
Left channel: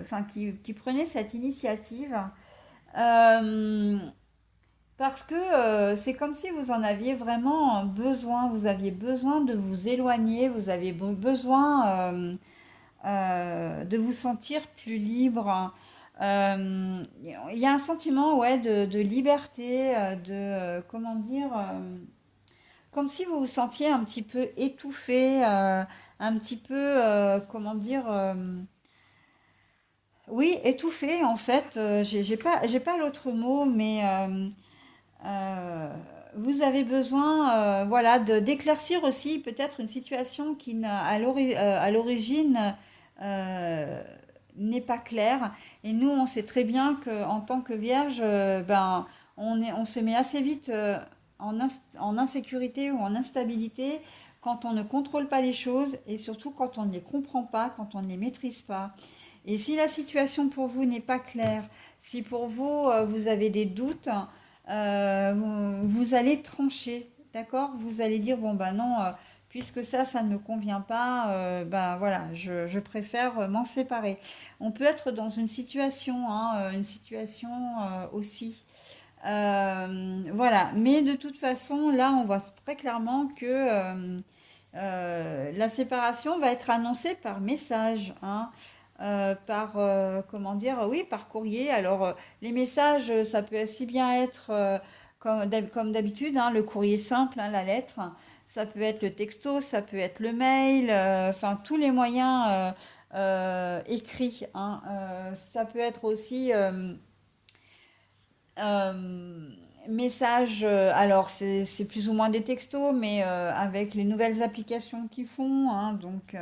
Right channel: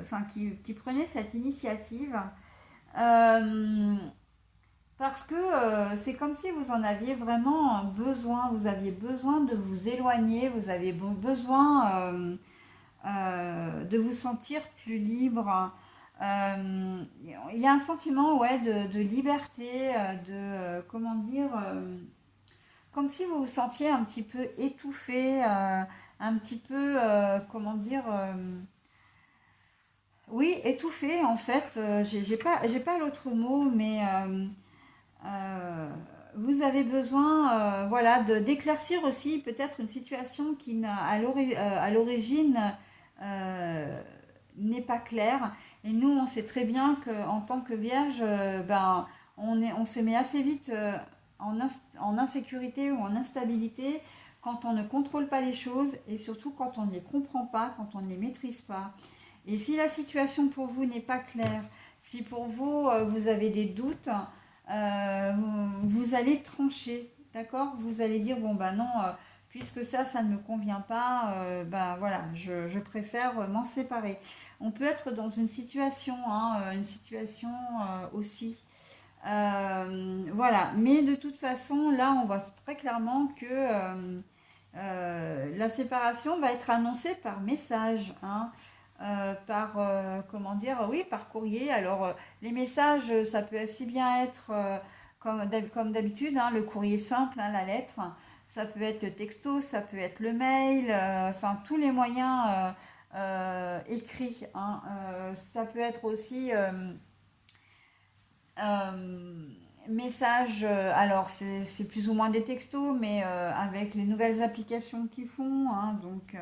enfin, qui prenez cette initiative. Euh, Parce que c'est comme si vous en aviez vraiment besoin, vous aviez besoin de vous éloigner, vous avez besoin de vous sentir plus libre. Il y a un sentiment, ouais, de liberté, comment dire, comme si vous vous sentiez un petit peu étouffé, un petit peu, comment dire, oui, étouffé en fait. J'ai pas l'autre mot, mais Euh, vous avez besoin, voilà, d'éclaircir aussi peut-être une situation qui à l'origine euh, n'est pas claire. Et nous, on sait très bien qu'en tant que vierge, ben, on se met assez vite en insécurité ou en instabilité quand on ne contrôle pas les choses et surtout quand on ne les comprend pas, quand on ne les maîtrise pas. Et si la situation pour vous n'est pas claire, si pour vous, vous avez des doutes, vous allez trancher, d'accord? Vous allez dire, bon, ben non, puisque ça ne me convient pas, ben voilà, je préfère m'en séparer. On peut être dans une situation, hein, une situation aussi. Voilà, mais de toute façon, là, on voit très clairement que la séparation va être annoncée par message, hein, par, comment dire, oui, par courrier. Alors, les messages, ça peut aussi bien être, comme d'habitude, hein, le courrier simple, hein, la lettre. Ça peut être le texto, ça peut être le mail, enfin, tous les moyens écrits, hein. Ça peut être aussi euh, messages, alors c'est plus ou moins des textos, mais avec les nouvelles applications qu'ils font, hein, donc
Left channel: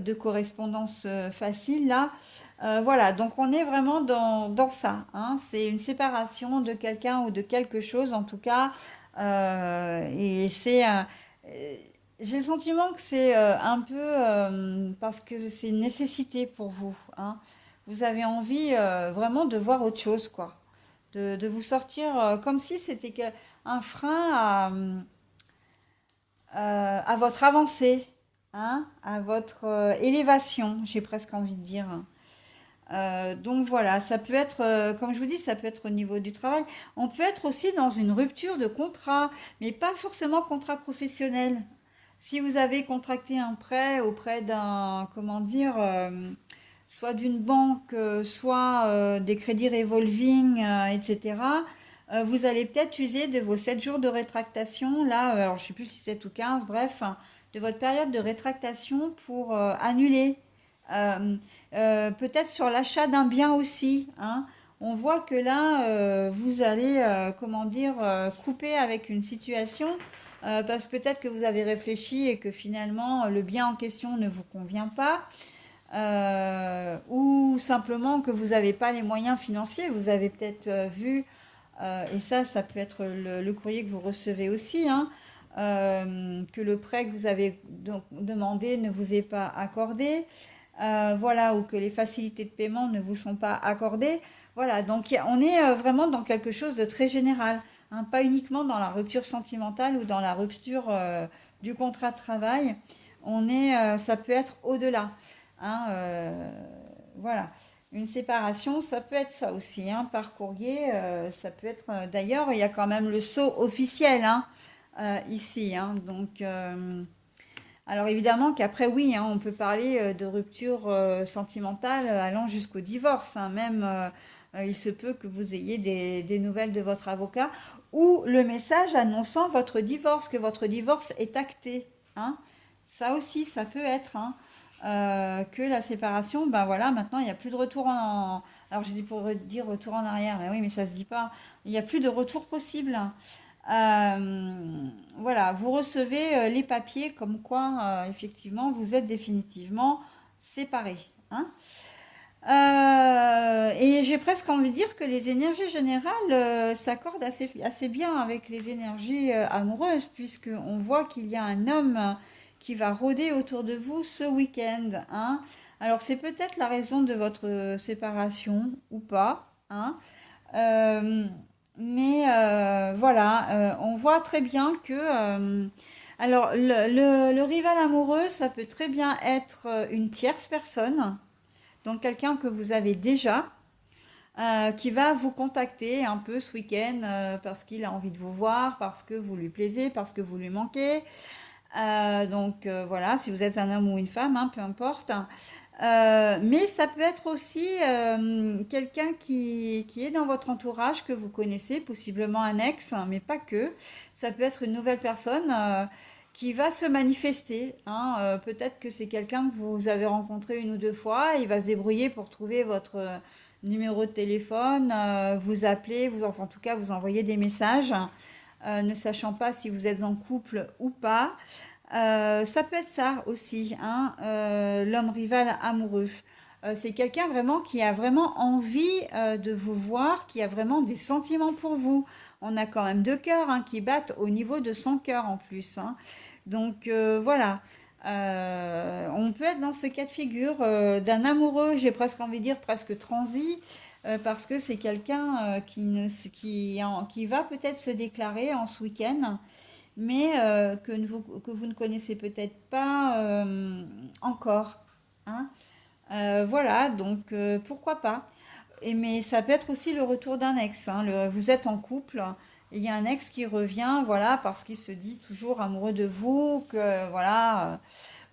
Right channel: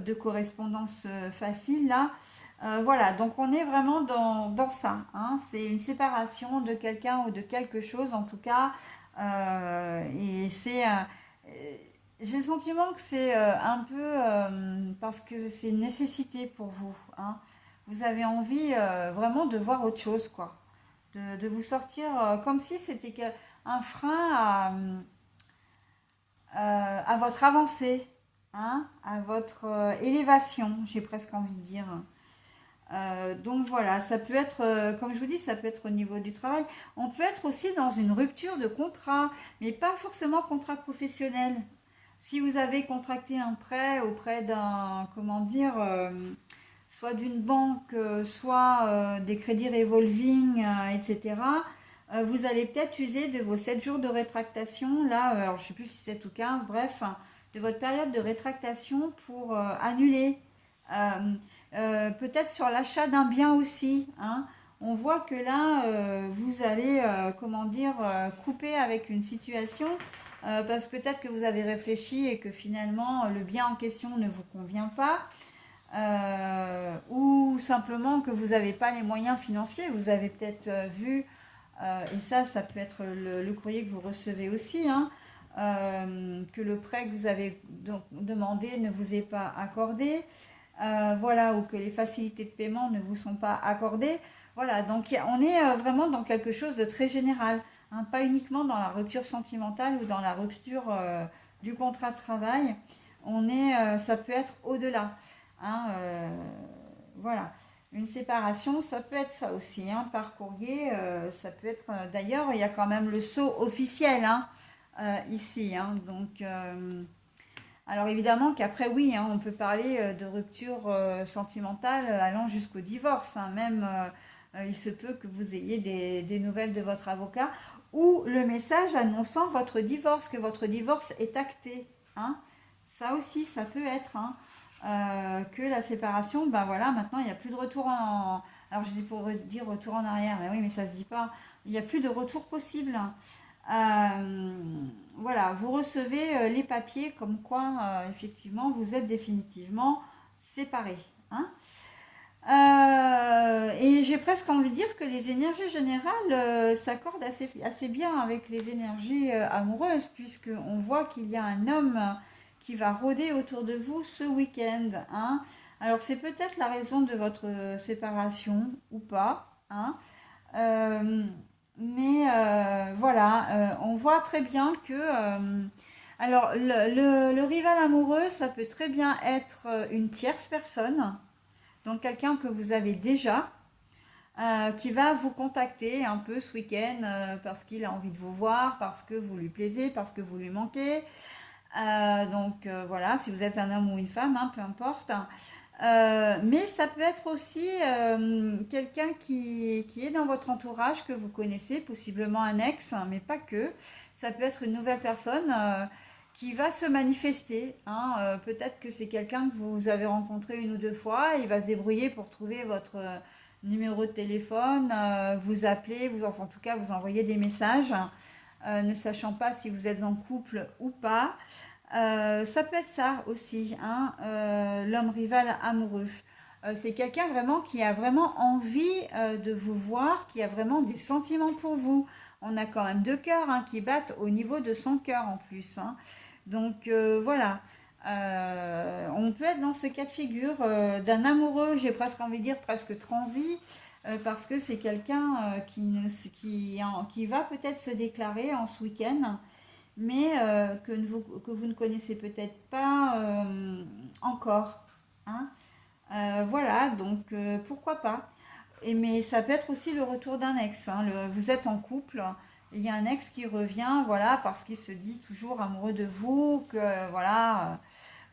de correspondance facile là. Voilà, donc on est vraiment dans ça, hein. C'est une séparation de quelqu'un ou de quelque chose en tout cas. Et j'ai le sentiment que c'est un peu parce que c'est une nécessité pour vous, hein. Vous avez envie vraiment de voir autre chose, quoi. De vous sortir comme si c'était un frein à votre avancée, hein, à votre élévation, j'ai presque envie de dire. Donc voilà, ça peut être, comme je vous dis, ça peut être au niveau du travail. On peut être aussi dans une rupture de contrat, mais pas forcément contrat professionnel. Si vous avez contracté un prêt auprès d'un, comment dire, soit d'une banque, soit des crédits revolving, etc., vous allez peut-être user de vos 7 jours de rétractation, là, alors je ne sais plus si c'est 7 ou 15, bref, hein, de votre période de rétractation pour annuler. Euh, Peut-être sur l'achat d'un bien aussi, hein. On voit que là, vous allez, comment dire, couper avec une situation, parce que peut-être que vous avez réfléchi et que finalement le bien en question ne vous convient pas, ou simplement que vous n'avez pas les moyens financiers. Vous avez peut-être vu, et ça peut être le courrier que vous recevez aussi, hein, que le prêt que vous avez demandé ne vous est pas accordé, voilà, ou que les facilités de paiement ne vous sont pas accordées. Voilà, donc on est vraiment dans quelque chose de très général, hein, pas uniquement dans la rupture sentimentale ou dans la rupture du contrat de travail. Ça peut être au-delà, hein, voilà. Une séparation, ça peut être ça aussi, hein, par courrier. Ça peut être. D'ailleurs, il y a quand même le sceau officiel, hein, ici, hein, donc. Alors évidemment qu'après oui, hein, on peut parler de rupture sentimentale allant jusqu'au divorce, hein. Même il se peut que vous ayez des nouvelles de votre avocat ou le message annonçant votre divorce, que votre divorce est acté, hein. Ça aussi, ça peut être, hein, que la séparation, ben voilà, maintenant il n'y a plus de retour Alors j'ai dit pour dire retour en arrière, mais oui, mais ça se dit pas. Il n'y a plus de retour possible. Voilà, vous recevez les papiers comme quoi, effectivement, vous êtes définitivement séparés, hein. Et j'ai presque envie de dire que les énergies générales s'accordent assez bien avec les énergies amoureuses, puisqu'on voit qu'il y a un homme qui va rôder autour de vous ce week-end, hein. Alors c'est peut-être la raison de votre séparation ou pas, hein. Euh, mais voilà, on voit très bien que... alors le rival amoureux, ça peut très bien être une tierce personne, donc quelqu'un que vous avez déjà, qui va vous contacter un peu ce week-end parce qu'il a envie de vous voir, parce que vous lui plaisez, parce que vous lui manquez. Donc voilà, si vous êtes un homme ou une femme, hein, peu importe. Mais ça peut être aussi quelqu'un qui est dans votre entourage, que vous connaissez, possiblement un ex, hein, mais pas que. Ça peut être une nouvelle personne qui va se manifester, hein. Peut-être que c'est quelqu'un que vous avez rencontré une ou deux fois. Il va se débrouiller pour trouver votre numéro de téléphone, vous appeler, enfin, en tout cas vous envoyer des messages, ne sachant pas si vous êtes en couple ou pas. Ça peut être ça aussi, hein, l'homme rival amoureux. C'est quelqu'un vraiment qui a vraiment envie de vous voir, qui a vraiment des sentiments pour vous. On a quand même deux cœurs, hein, qui battent au niveau de son cœur en plus, hein. Donc voilà. On peut être dans ce cas de figure d'un amoureux, j'ai presque envie de dire presque transi, parce que c'est quelqu'un qui va peut-être se déclarer en ce week-end, mais que vous ne connaissez peut-être pas encore, hein. Voilà, donc pourquoi pas. Mais ça peut être aussi le retour d'un ex, hein. Vous êtes en couple, et il y a un ex qui revient, voilà, parce qu'il se dit toujours amoureux de vous, que voilà.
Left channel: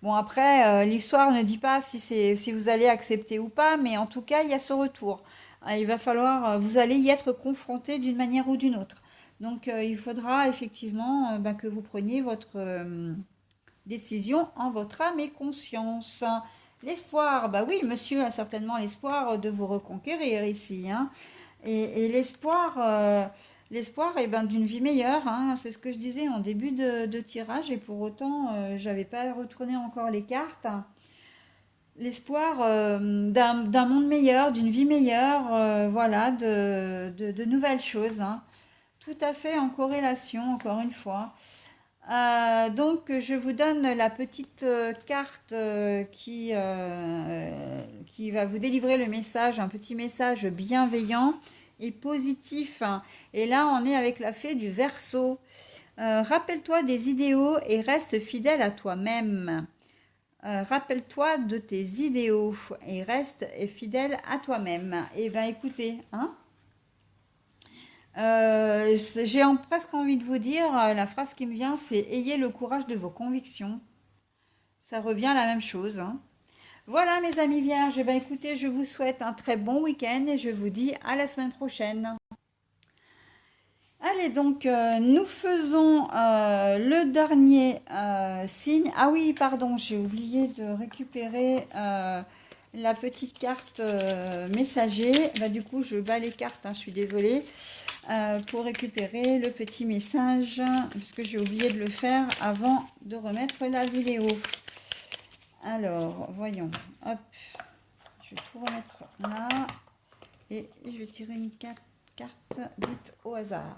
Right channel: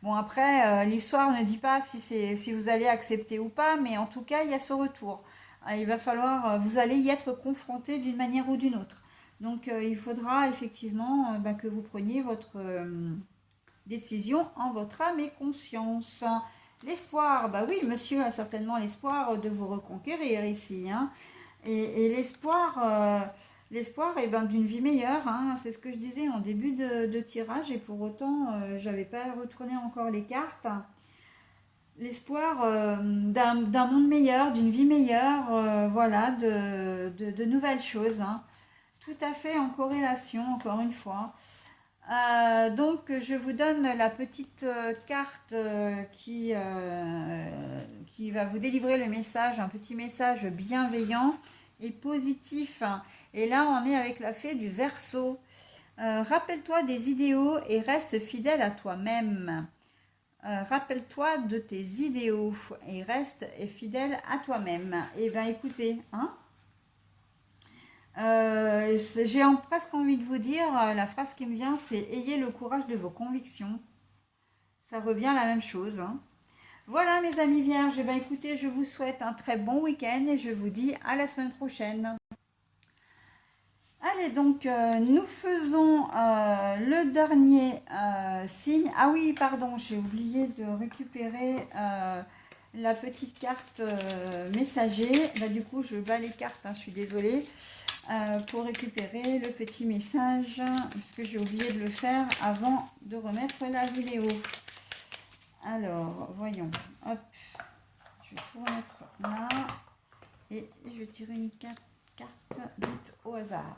Bon, après, l'histoire ne dit pas si vous allez accepter ou pas, mais en tout cas, il y a ce retour. Il va falloir, vous allez y être confronté d'une manière ou d'une autre. Donc, il faudra effectivement ben, que vous preniez votre décision en votre âme et conscience. L'espoir, bah oui, monsieur a certainement l'espoir de vous reconquérir ici, hein. Et l'espoir est ben, d'une vie meilleure, hein. C'est ce que je disais en début de tirage, et pour autant, j'avais pas retourné encore les cartes. L'espoir d'un monde meilleur, d'une vie meilleure, voilà, de nouvelles choses, hein. Tout à fait en corrélation, encore une fois. Donc, je vous donne la petite carte qui va vous délivrer le message, un petit message bienveillant et positif. Et là, on est avec la fée du Verseau. Rappelle-toi des idéaux et reste fidèle à toi-même. Rappelle-toi de tes idéaux et reste fidèle à toi-même. Et bien, écoutez, hein, j'ai presque envie de vous dire, la phrase qui me vient, c'est ayez le courage de vos convictions. Ça revient à la même chose, hein. Voilà mes amis vierges, eh bien, écoutez, je vous souhaite un très bon week-end et je vous dis à la semaine prochaine. Allez, donc nous faisons le dernier signe. Ah oui, pardon, j'ai oublié de récupérer la petite carte messager. Bah, du coup, je bats les cartes, hein, je suis désolée. Pour récupérer le petit message, puisque j'ai oublié de le faire avant de remettre la vidéo. Alors, voyons. Hop, je vais tout remettre là. Et je vais tirer une carte dite au hasard.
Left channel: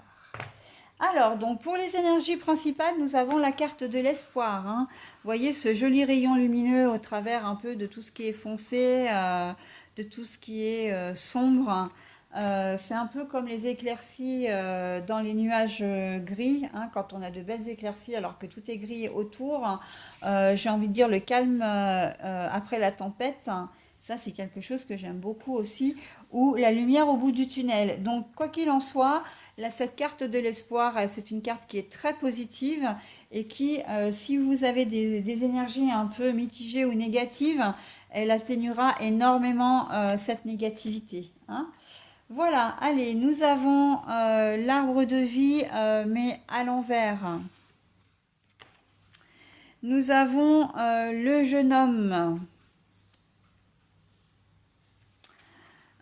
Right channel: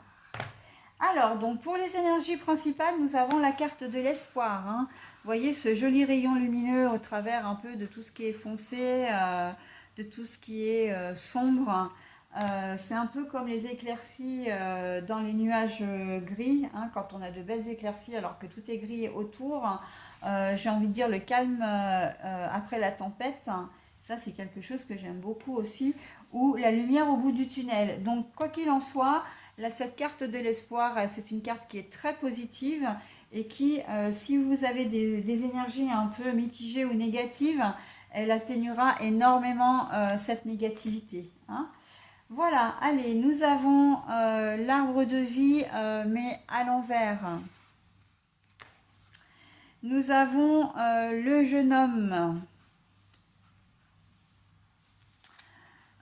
Alors, donc pour les énergies principales, nous avons la carte de l'espoir, hein. Vous voyez ce joli rayon lumineux au travers un peu de tout ce qui est foncé, de tout ce qui est sombre. C'est un peu comme les éclaircies dans les nuages gris, hein, quand on a de belles éclaircies alors que tout est gris autour. J'ai envie de dire le calme après la tempête. Ça, c'est quelque chose que j'aime beaucoup aussi. Ou la lumière au bout du tunnel. Donc, quoi qu'il en soit, là, cette carte de l'espoir, c'est une carte qui est très positive et qui, si vous avez des énergies un peu mitigées ou négatives, elle atténuera énormément cette négativité, hein. Voilà, allez, nous avons l'arbre de vie, mais à l'envers. Nous avons le jeune homme.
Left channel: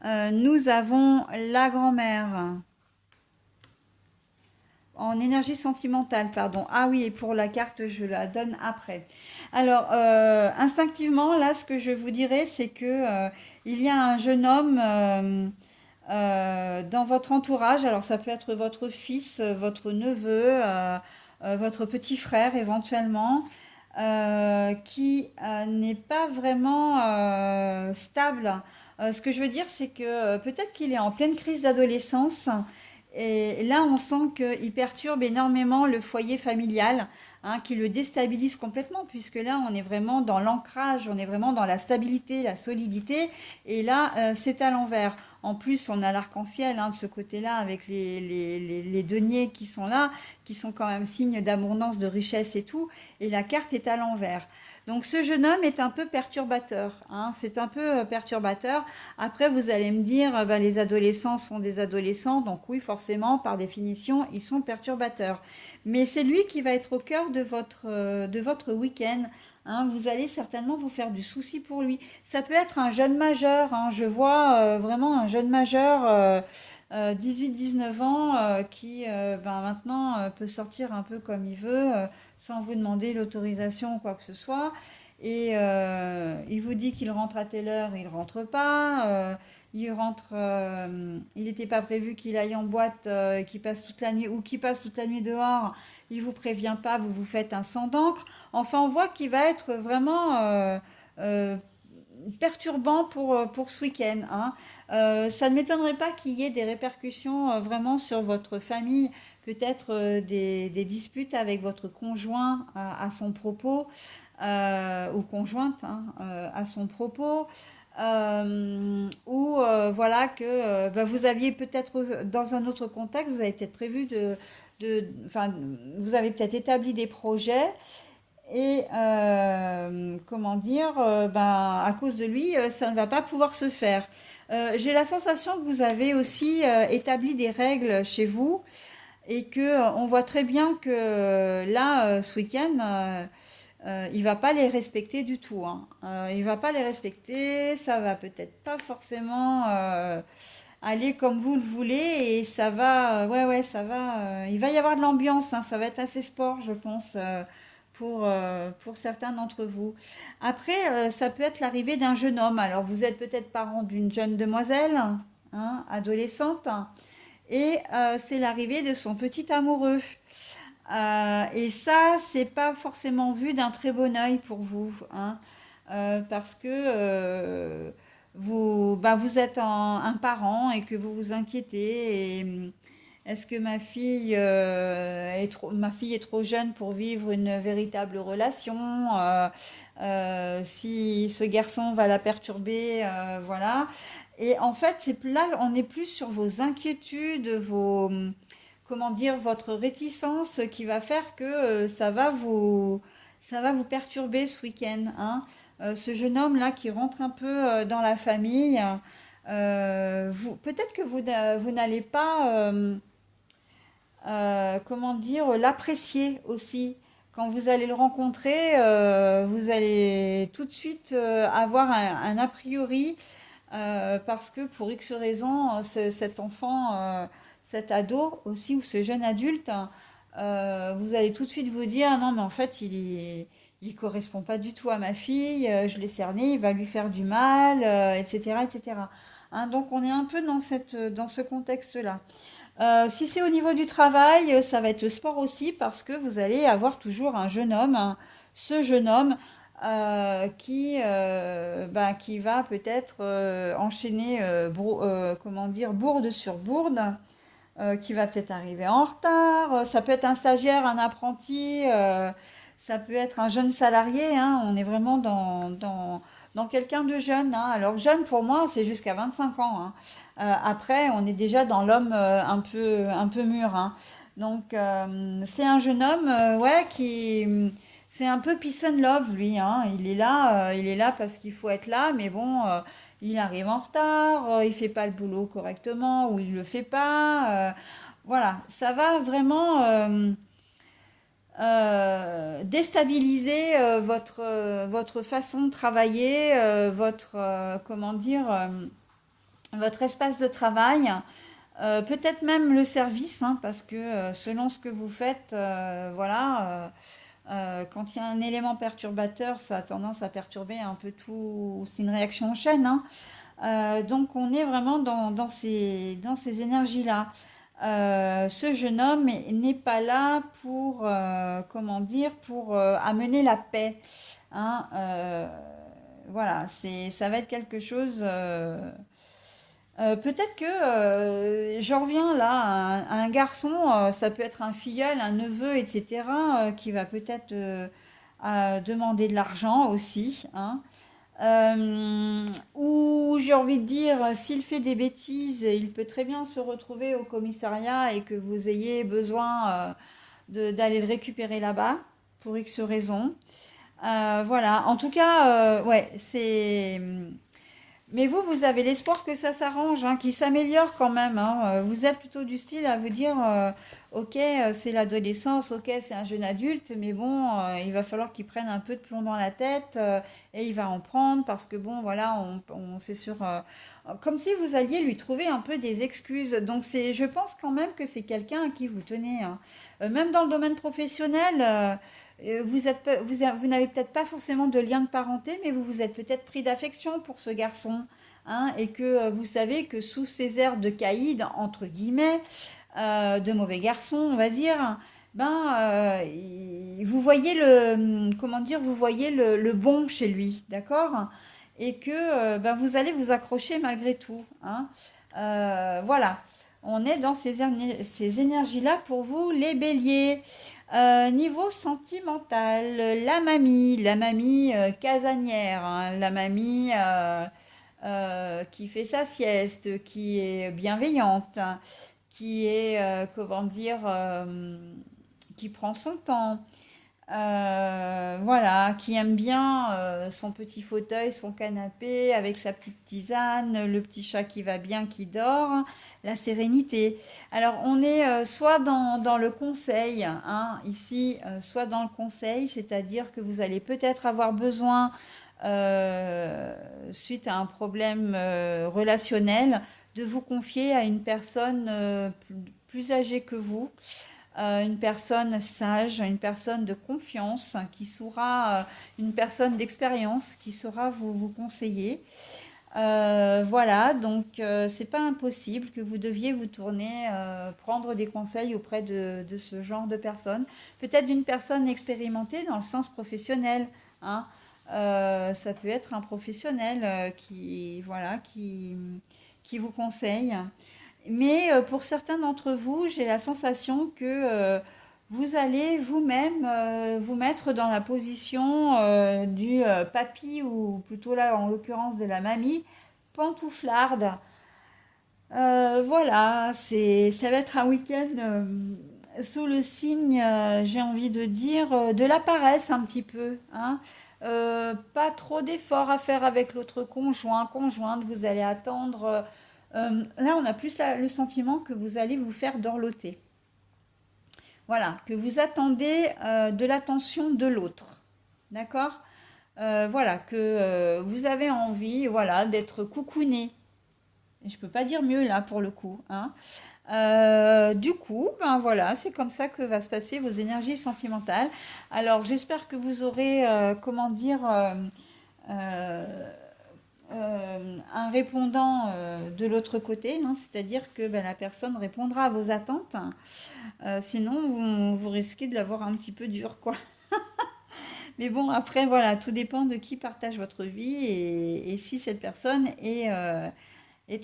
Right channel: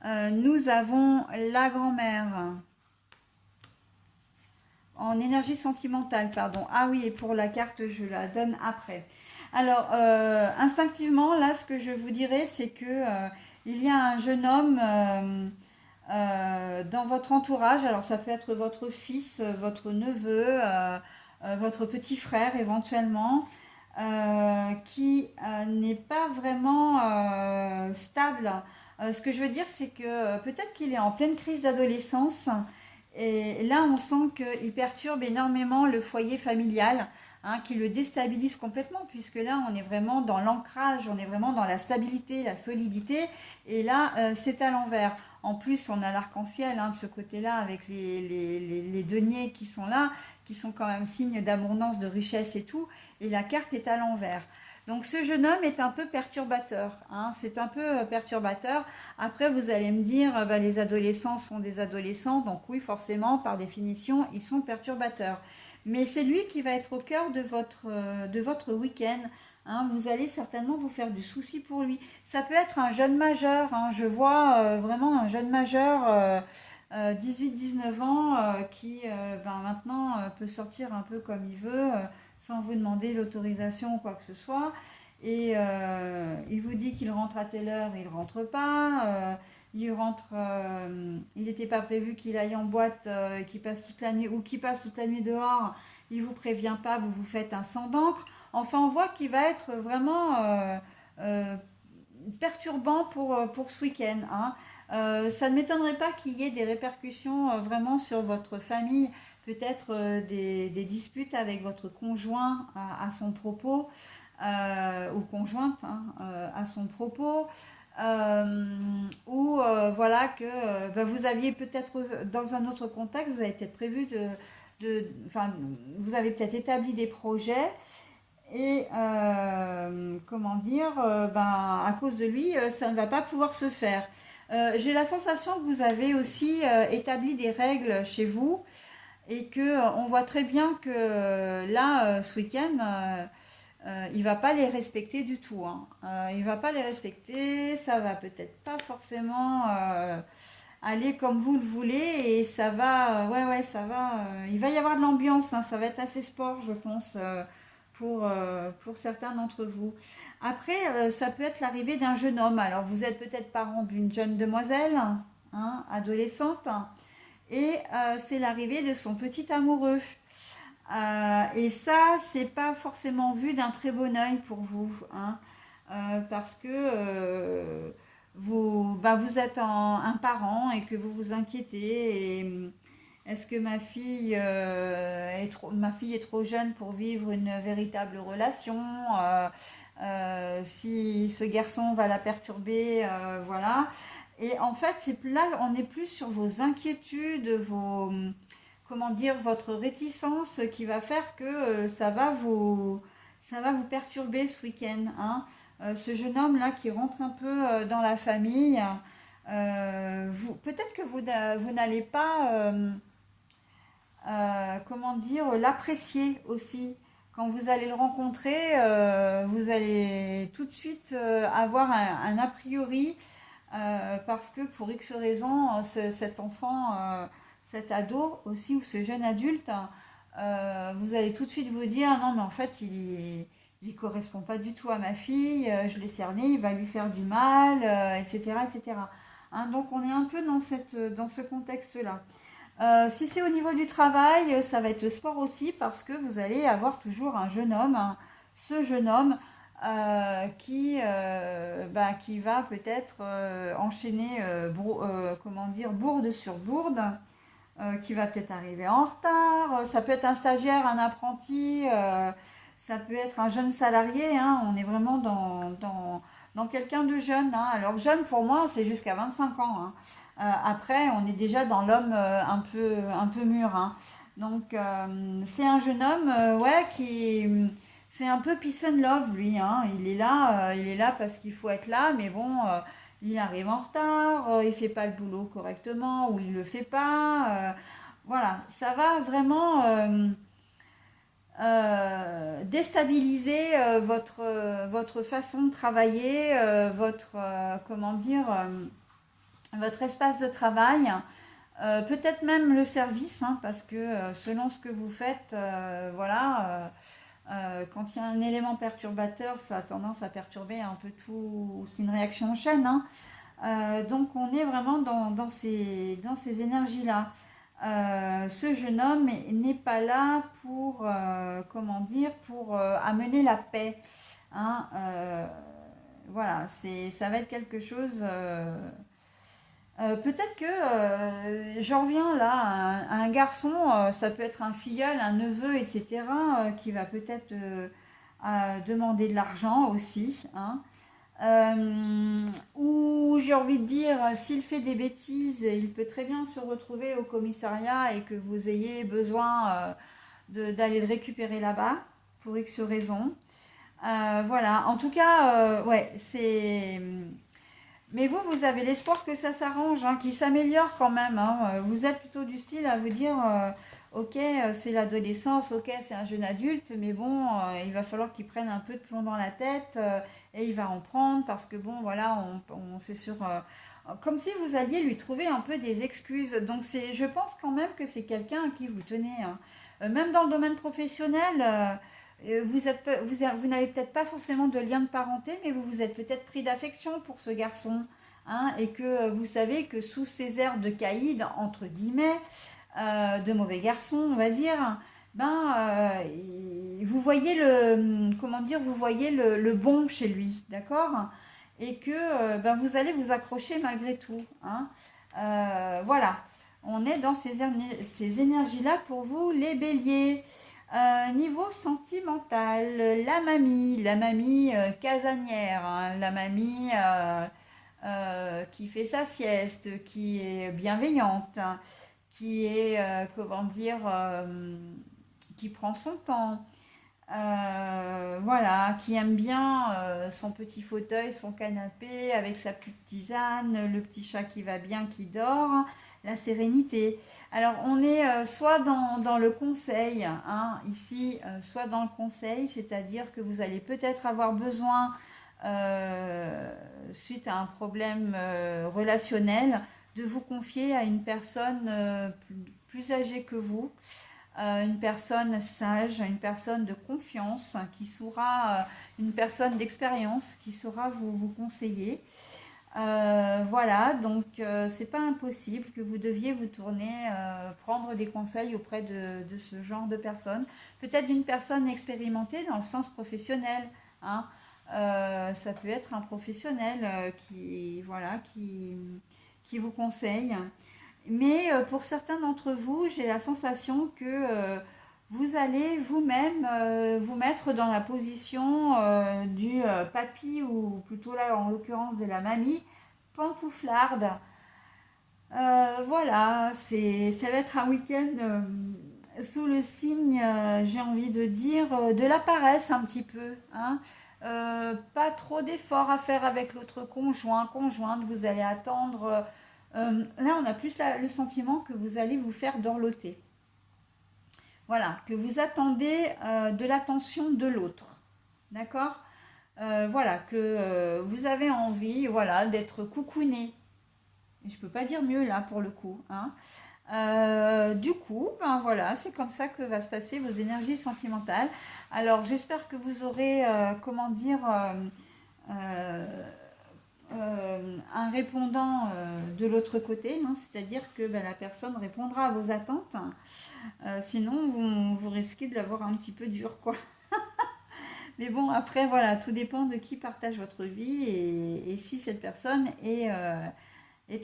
Nous avons la grand-mère. en énergie sentimentale, pardon. Ah oui, et pour la carte, je la donne après. Alors, instinctivement, là, ce que je vous dirais, c'est que il y a un jeune homme dans votre entourage. Alors, ça peut être votre fils, votre neveu, votre petit frère éventuellement, qui n'est pas vraiment stable. Ce que je veux dire, c'est que peut-être qu'il est en pleine crise d'adolescence. Et là, on sent qu'il perturbe énormément le foyer familial, hein, qui le déstabilise complètement, puisque là, on est vraiment dans l'ancrage, on est vraiment dans la stabilité, la solidité, et là, c'est à l'envers. En plus, on a l'arc-en-ciel, hein, de ce côté-là, avec les deniers qui sont là, qui sont quand même signes d'abondance, de richesse et tout, et la carte est à l'envers. Donc ce jeune homme est un peu perturbateur, hein, c'est un peu perturbateur. Après, vous allez me dire, ben, les adolescents sont des adolescents, donc oui, forcément, par définition, ils sont perturbateurs. Mais c'est lui qui va être au cœur de votre week-end. Hein. Vous allez certainement vous faire du souci pour lui. Ça peut être un jeune majeur, hein. Je vois vraiment un jeune majeur, 18-19 ans, qui ben, maintenant peut sortir un peu comme il veut, sans vous demander l'autorisation ou quoi que ce soit. Et il vous dit qu'il rentre à telle heure, il rentre pas. Il rentre, il n'était pas prévu qu'il aille en boîte, qu'il passe toute la nuit ou qu'il passe toute la nuit dehors. Il vous prévient pas, vous vous faites un sang d'encre. Enfin, on voit qu'il va être vraiment euh, perturbant pour ce week-end. Hein. Ça ne m'étonnerait pas qu'il y ait des répercussions vraiment sur votre famille, peut-être des disputes avec votre conjoint à son propos, ou conjointe, hein, à son propos, ou voilà que bah, vous aviez peut-être dans un autre contexte, vous avez peut-être prévu enfin, vous avez peut-être établi des projets et comment dire, ben, à cause de lui, ça ne va pas pouvoir se faire. J'ai la sensation que vous avez aussi établi des règles chez vous et que on voit très bien que là, ce week-end, il va pas les respecter du tout. Hein. Il va pas les respecter, ça va peut-être pas forcément aller comme vous le voulez et ça va, ouais ouais, ça va. Il va y avoir de l'ambiance, hein, ça va être assez sport, je pense. Pour certains d'entre vous. Après, ça peut être l'arrivée d'un jeune homme. Alors, vous êtes peut-être parent d'une jeune demoiselle, hein, adolescente, et c'est l'arrivée de son petit amoureux. Et ça, c'est pas forcément vu d'un très bon œil pour vous, hein, parce que vous, bah, vous êtes un parent et que vous vous inquiétez. Et est-ce que ma fille est trop jeune pour vivre une véritable relation? Si ce garçon va la perturber, voilà. Et en fait, là, on est plus sur vos inquiétudes, comment dire, votre réticence qui va faire que ça va vous perturber ce week-end. Hein. Ce jeune homme là qui rentre un peu dans la famille, peut-être que vous n'allez pas, comment dire, l'apprécier aussi. Quand vous allez le rencontrer, vous allez tout de suite avoir un a priori parce que pour X raisons, cet enfant, cet ado aussi, ou ce jeune adulte, vous allez tout de suite vous dire, ah non, mais en fait, il correspond pas du tout à ma fille, je l'ai cerné, il va lui faire du mal, etc., etc. Hein, donc on est un peu dans ce contexte-là. Si c'est au niveau du travail, ça va être le sport aussi parce que vous allez avoir toujours un jeune homme, hein, ce jeune homme bah, qui va peut-être enchaîner comment dire, bourde sur bourde, qui va peut-être arriver en retard. Ça peut être un stagiaire, un apprenti, ça peut être un jeune salarié. Hein, on est vraiment dans quelqu'un de jeune. Hein. Alors jeune pour moi, c'est jusqu'à 25 ans. Hein. Après, on est déjà dans l'homme un peu mûr. Hein. Donc c'est un jeune homme, ouais, c'est un peu peace and love lui. Hein. Il est là parce qu'il faut être là, mais bon. Il arrive en retard, il fait pas le boulot correctement ou il le fait pas. Voilà, ça va vraiment déstabiliser votre façon de travailler, comment dire, votre espace de travail. Peut-être même le service, hein, parce que selon ce que vous faites, voilà, quand il y a un élément perturbateur, ça a tendance à perturber un peu tout. C'est une réaction en chaîne, hein. Donc on est vraiment dans ces énergies-là. Ce jeune homme n'est pas là pour, comment dire, pour amener la paix, hein. Voilà, ça va être quelque chose. Peut-être que j'en reviens là à un garçon, ça peut être un filleul, un neveu, etc., qui va peut-être demander de l'argent aussi, hein. Ou j'ai envie de dire, s'il fait des bêtises, il peut très bien se retrouver au commissariat et que vous ayez besoin d'aller le récupérer là-bas pour X raisons. Voilà, en tout cas, ouais, c'est. Mais vous avez l'espoir que ça s'arrange, hein, qu'il s'améliore quand même, hein. Vous êtes plutôt du style à vous dire, ok, c'est l'adolescence, ok, c'est un jeune adulte, mais bon, il va falloir qu'il prenne un peu de plomb dans la tête et il va en prendre parce que bon, voilà, c'est sûr, comme si vous alliez lui trouver un peu des excuses. Donc je pense quand même que c'est quelqu'un à qui vous tenez, hein. Même dans le domaine professionnel. Vous n'avez peut-être pas forcément de lien de parenté, mais vous vous êtes peut-être pris d'affection pour ce garçon, hein, et que vous savez que sous ces airs de caïd, entre guillemets, de mauvais garçon, on va dire, ben, vous voyez comment dire, vous voyez le bon chez lui, d'accord? Et que ben, vous allez vous accrocher malgré tout, hein. Voilà, on est dans ces énergies-là pour vous, les béliers. Niveau sentimental, la mamie casanière, hein, la mamie qui fait sa sieste, qui est bienveillante, hein, qui est, comment dire, qui prend son temps, voilà, qui aime bien son petit fauteuil, son canapé avec sa petite tisane, le petit chat qui va bien, qui dort, la sérénité. Alors on est soit dans le conseil, hein, ici, soit dans le conseil, c'est-à-dire que vous allez peut-être avoir besoin, suite à un problème relationnel, de vous confier à une personne plus âgée que vous, une personne sage, une personne de confiance, qui saura, une personne d'expérience qui saura vous conseiller. Voilà, donc c'est pas impossible que vous deviez vous tourner, prendre des conseils auprès de ce genre de personne. Peut-être d'une personne expérimentée dans le sens professionnel, hein. Ça peut être un professionnel voilà, qui vous conseille. Mais pour certains d'entre vous, j'ai la sensation que vous allez vous-même vous mettre dans la position du papy ou plutôt là en l'occurrence de la mamie pantouflarde. Voilà, ça va être un week-end sous le signe, j'ai envie de dire, de la paresse un petit peu, hein. Pas trop d'efforts à faire avec l'autre conjointe, vous allez attendre. Là, on a plus le sentiment que vous allez vous faire dorloter. Voilà, que vous attendez de l'attention de l'autre. D'accord? Voilà, que vous avez envie, voilà, d'être coucouné. Je peux pas dire mieux là pour le coup, hein. Du coup, ben voilà, c'est comme ça que va se passer vos énergies sentimentales. Alors, j'espère que vous aurez, comment dire, euh, un répondant de l'autre côté, non, c'est-à-dire que ben, la personne répondra à vos attentes. Sinon, vous risquez de l'avoir un petit peu dur, quoi. Mais bon, après, voilà, tout dépend de qui partage votre vie et si cette personne est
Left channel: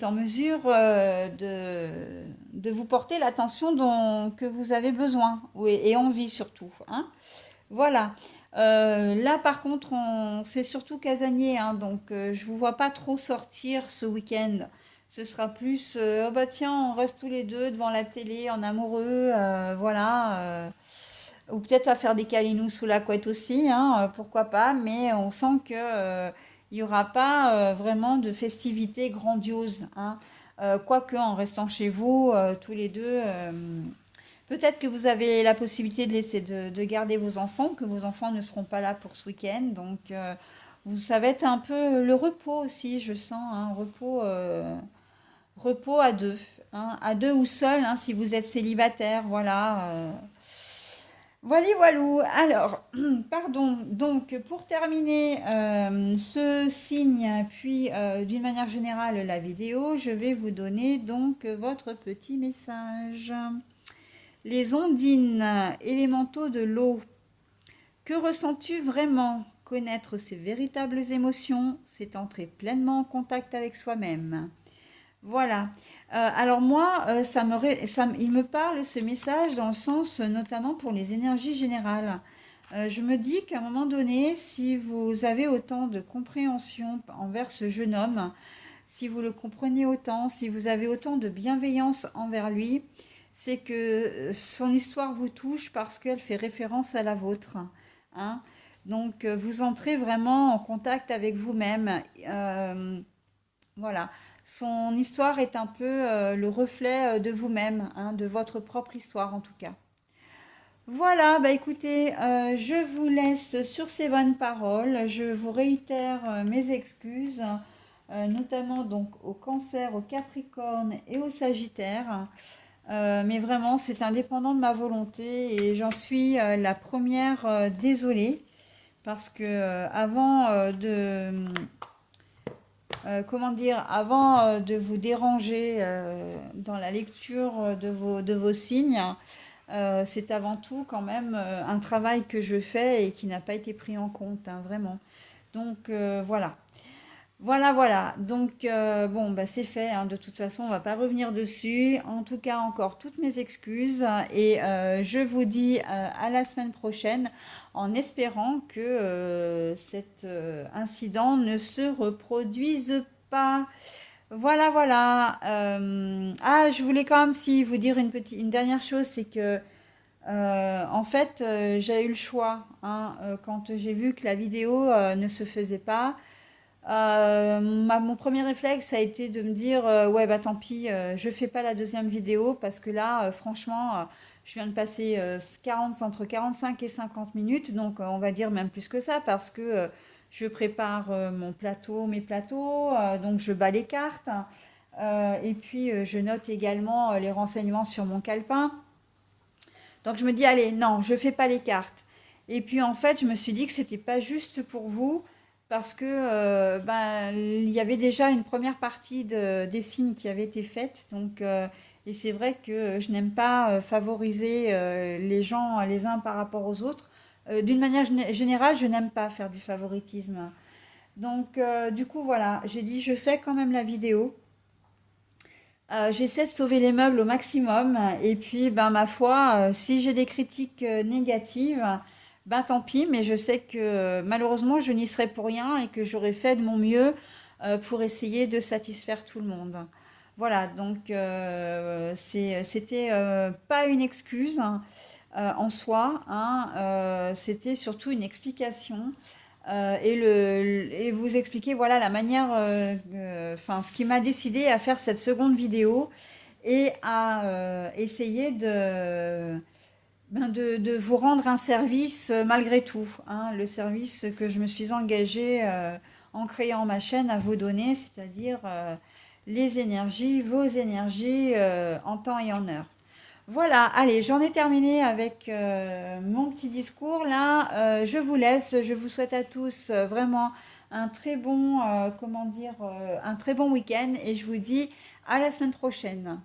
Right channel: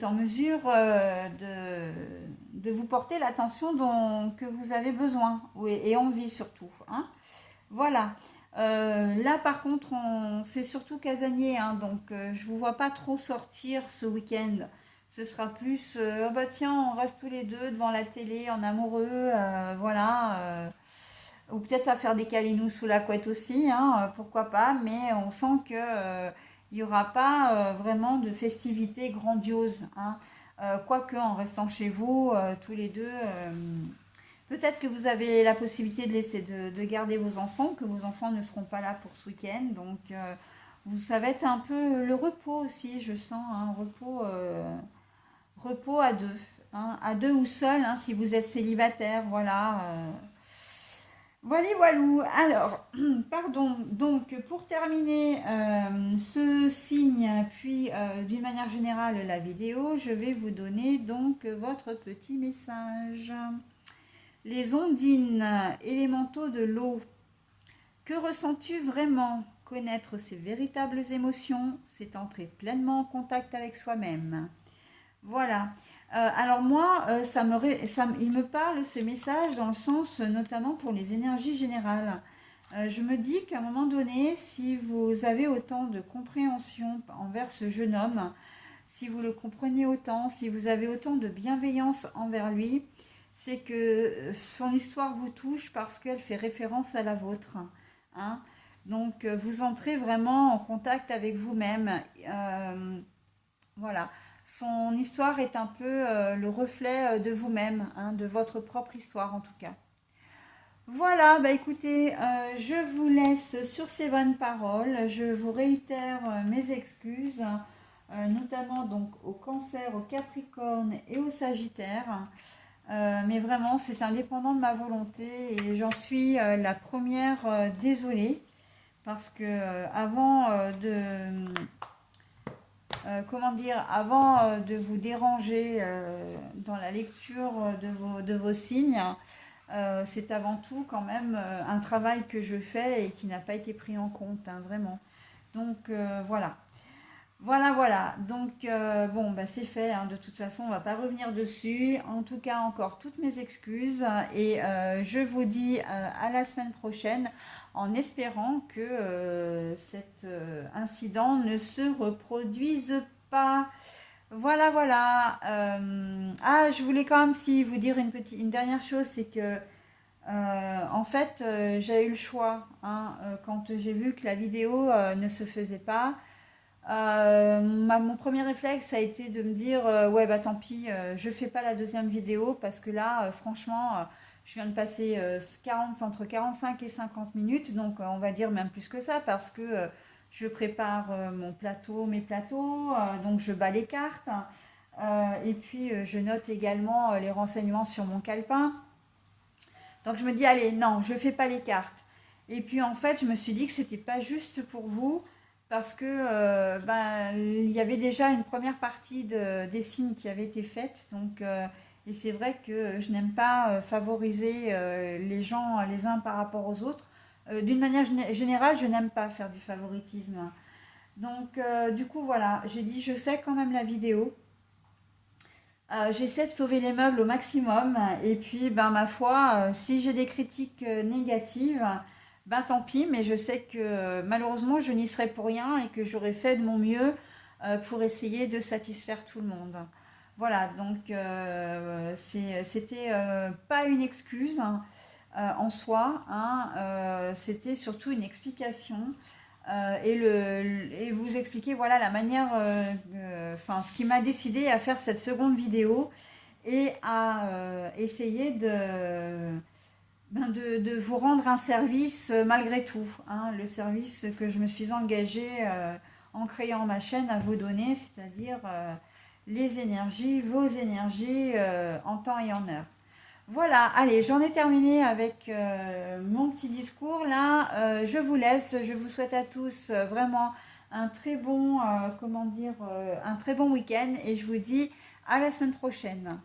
en mesure de vous porter l'attention que vous avez besoin et envie surtout, hein. Voilà. Là, par contre, c'est surtout casanier, hein, donc je vous vois pas trop sortir ce week-end. Ce sera plus, oh bah tiens, on reste tous les deux devant la télé en amoureux, voilà. Ou peut-être à faire des câlinous sous la couette aussi, hein, pourquoi pas, mais on sent que il n'y aura pas vraiment de festivités grandioses, hein. Quoique en restant chez vous, tous les deux, peut-être que vous avez la possibilité de laisser de garder vos enfants, que vos enfants ne seront pas là pour ce week-end. Donc, ça va être un peu le repos aussi, je sens, un repos à deux. hein, à deux ou seul, hein, si vous êtes célibataire, voilà. Voilà, voilou. Alors, pardon. Donc, pour terminer ce signe, puis d'une manière générale la vidéo, je vais vous donner donc votre petit message. Les ondines, élémentaux de l'eau. Que ressens-tu vraiment? Connaître ses véritables émotions, c'est entrer pleinement en contact avec soi-même. Voilà. Alors moi, il me parle ce message dans le sens, notamment pour les énergies générales. Je me dis qu'à un moment donné, si vous avez autant de compréhension envers ce jeune homme, si vous le comprenez autant, si vous avez autant de bienveillance envers lui, c'est que son histoire vous touche parce qu'elle fait référence à la vôtre, hein. Donc, vous entrez vraiment en contact avec vous-même. Voilà. Son histoire est un peu le reflet de vous-même, hein, de votre propre histoire en tout cas. Voilà, bah écoutez, je vous laisse sur ces bonnes paroles. Je vous réitère mes excuses, notamment donc au Cancer, au Capricorne et au Sagittaire. Mais vraiment, c'est indépendant de ma volonté et j'en suis la première désolée parce que avant comment dire, avant de vous déranger dans la lecture de vos signes, c'est avant tout quand même un travail que je fais et qui n'a pas été pris en compte, hein, vraiment. Donc voilà. Voilà, voilà. Donc, bon, bah, c'est fait, hein. De toute façon, on va pas revenir dessus. En tout cas, encore toutes mes excuses. Et je vous dis à la semaine prochaine en espérant que cet incident ne se reproduise pas. Voilà, voilà. Ah, je voulais quand même si vous dire une dernière chose, c'est que en fait, j'ai eu le choix, hein, quand j'ai vu que la vidéo ne se faisait pas. Mon premier réflexe a été de me dire ouais bah tant pis, je fais pas la deuxième vidéo parce que là franchement je viens de passer 40, entre 45 et 50 minutes, donc on va dire même plus que ça parce que je prépare mes plateaux, donc je bats les cartes, et puis je note également les renseignements sur mon calepin. Donc je me dis allez non, je fais pas les cartes. Et puis en fait je me suis dit que c'était pas juste pour vous parce que ben, il y avait déjà une première partie des signes qui avait été faite. Donc, et c'est vrai que je n'aime pas favoriser les gens les uns par rapport aux autres. D'une manière générale, je n'aime pas faire du favoritisme. Donc, du coup, voilà, j'ai dit je fais quand même la vidéo. J'essaie de sauver les meubles au maximum. Et puis, ben, ma foi, si j'ai des critiques négatives, ben tant pis, mais je sais que malheureusement, je n'y serai pour rien et que j'aurais fait de mon mieux pour essayer de satisfaire tout le monde. Voilà, donc c'était pas une excuse, hein, en soi, hein, c'était surtout une explication et vous expliquer voilà la manière, enfin ce qui m'a décidé à faire cette seconde vidéo et à essayer de vous rendre un service malgré tout, hein, le service que je me suis engagée en créant ma chaîne à vous donner, c'est-à-dire les énergies, vos énergies en temps et en heure. Voilà, allez, j'en ai terminé avec mon petit discours là. Je vous laisse, je vous souhaite à tous vraiment un très bon, comment dire, un très bon week-end et je vous dis à la semaine prochaine.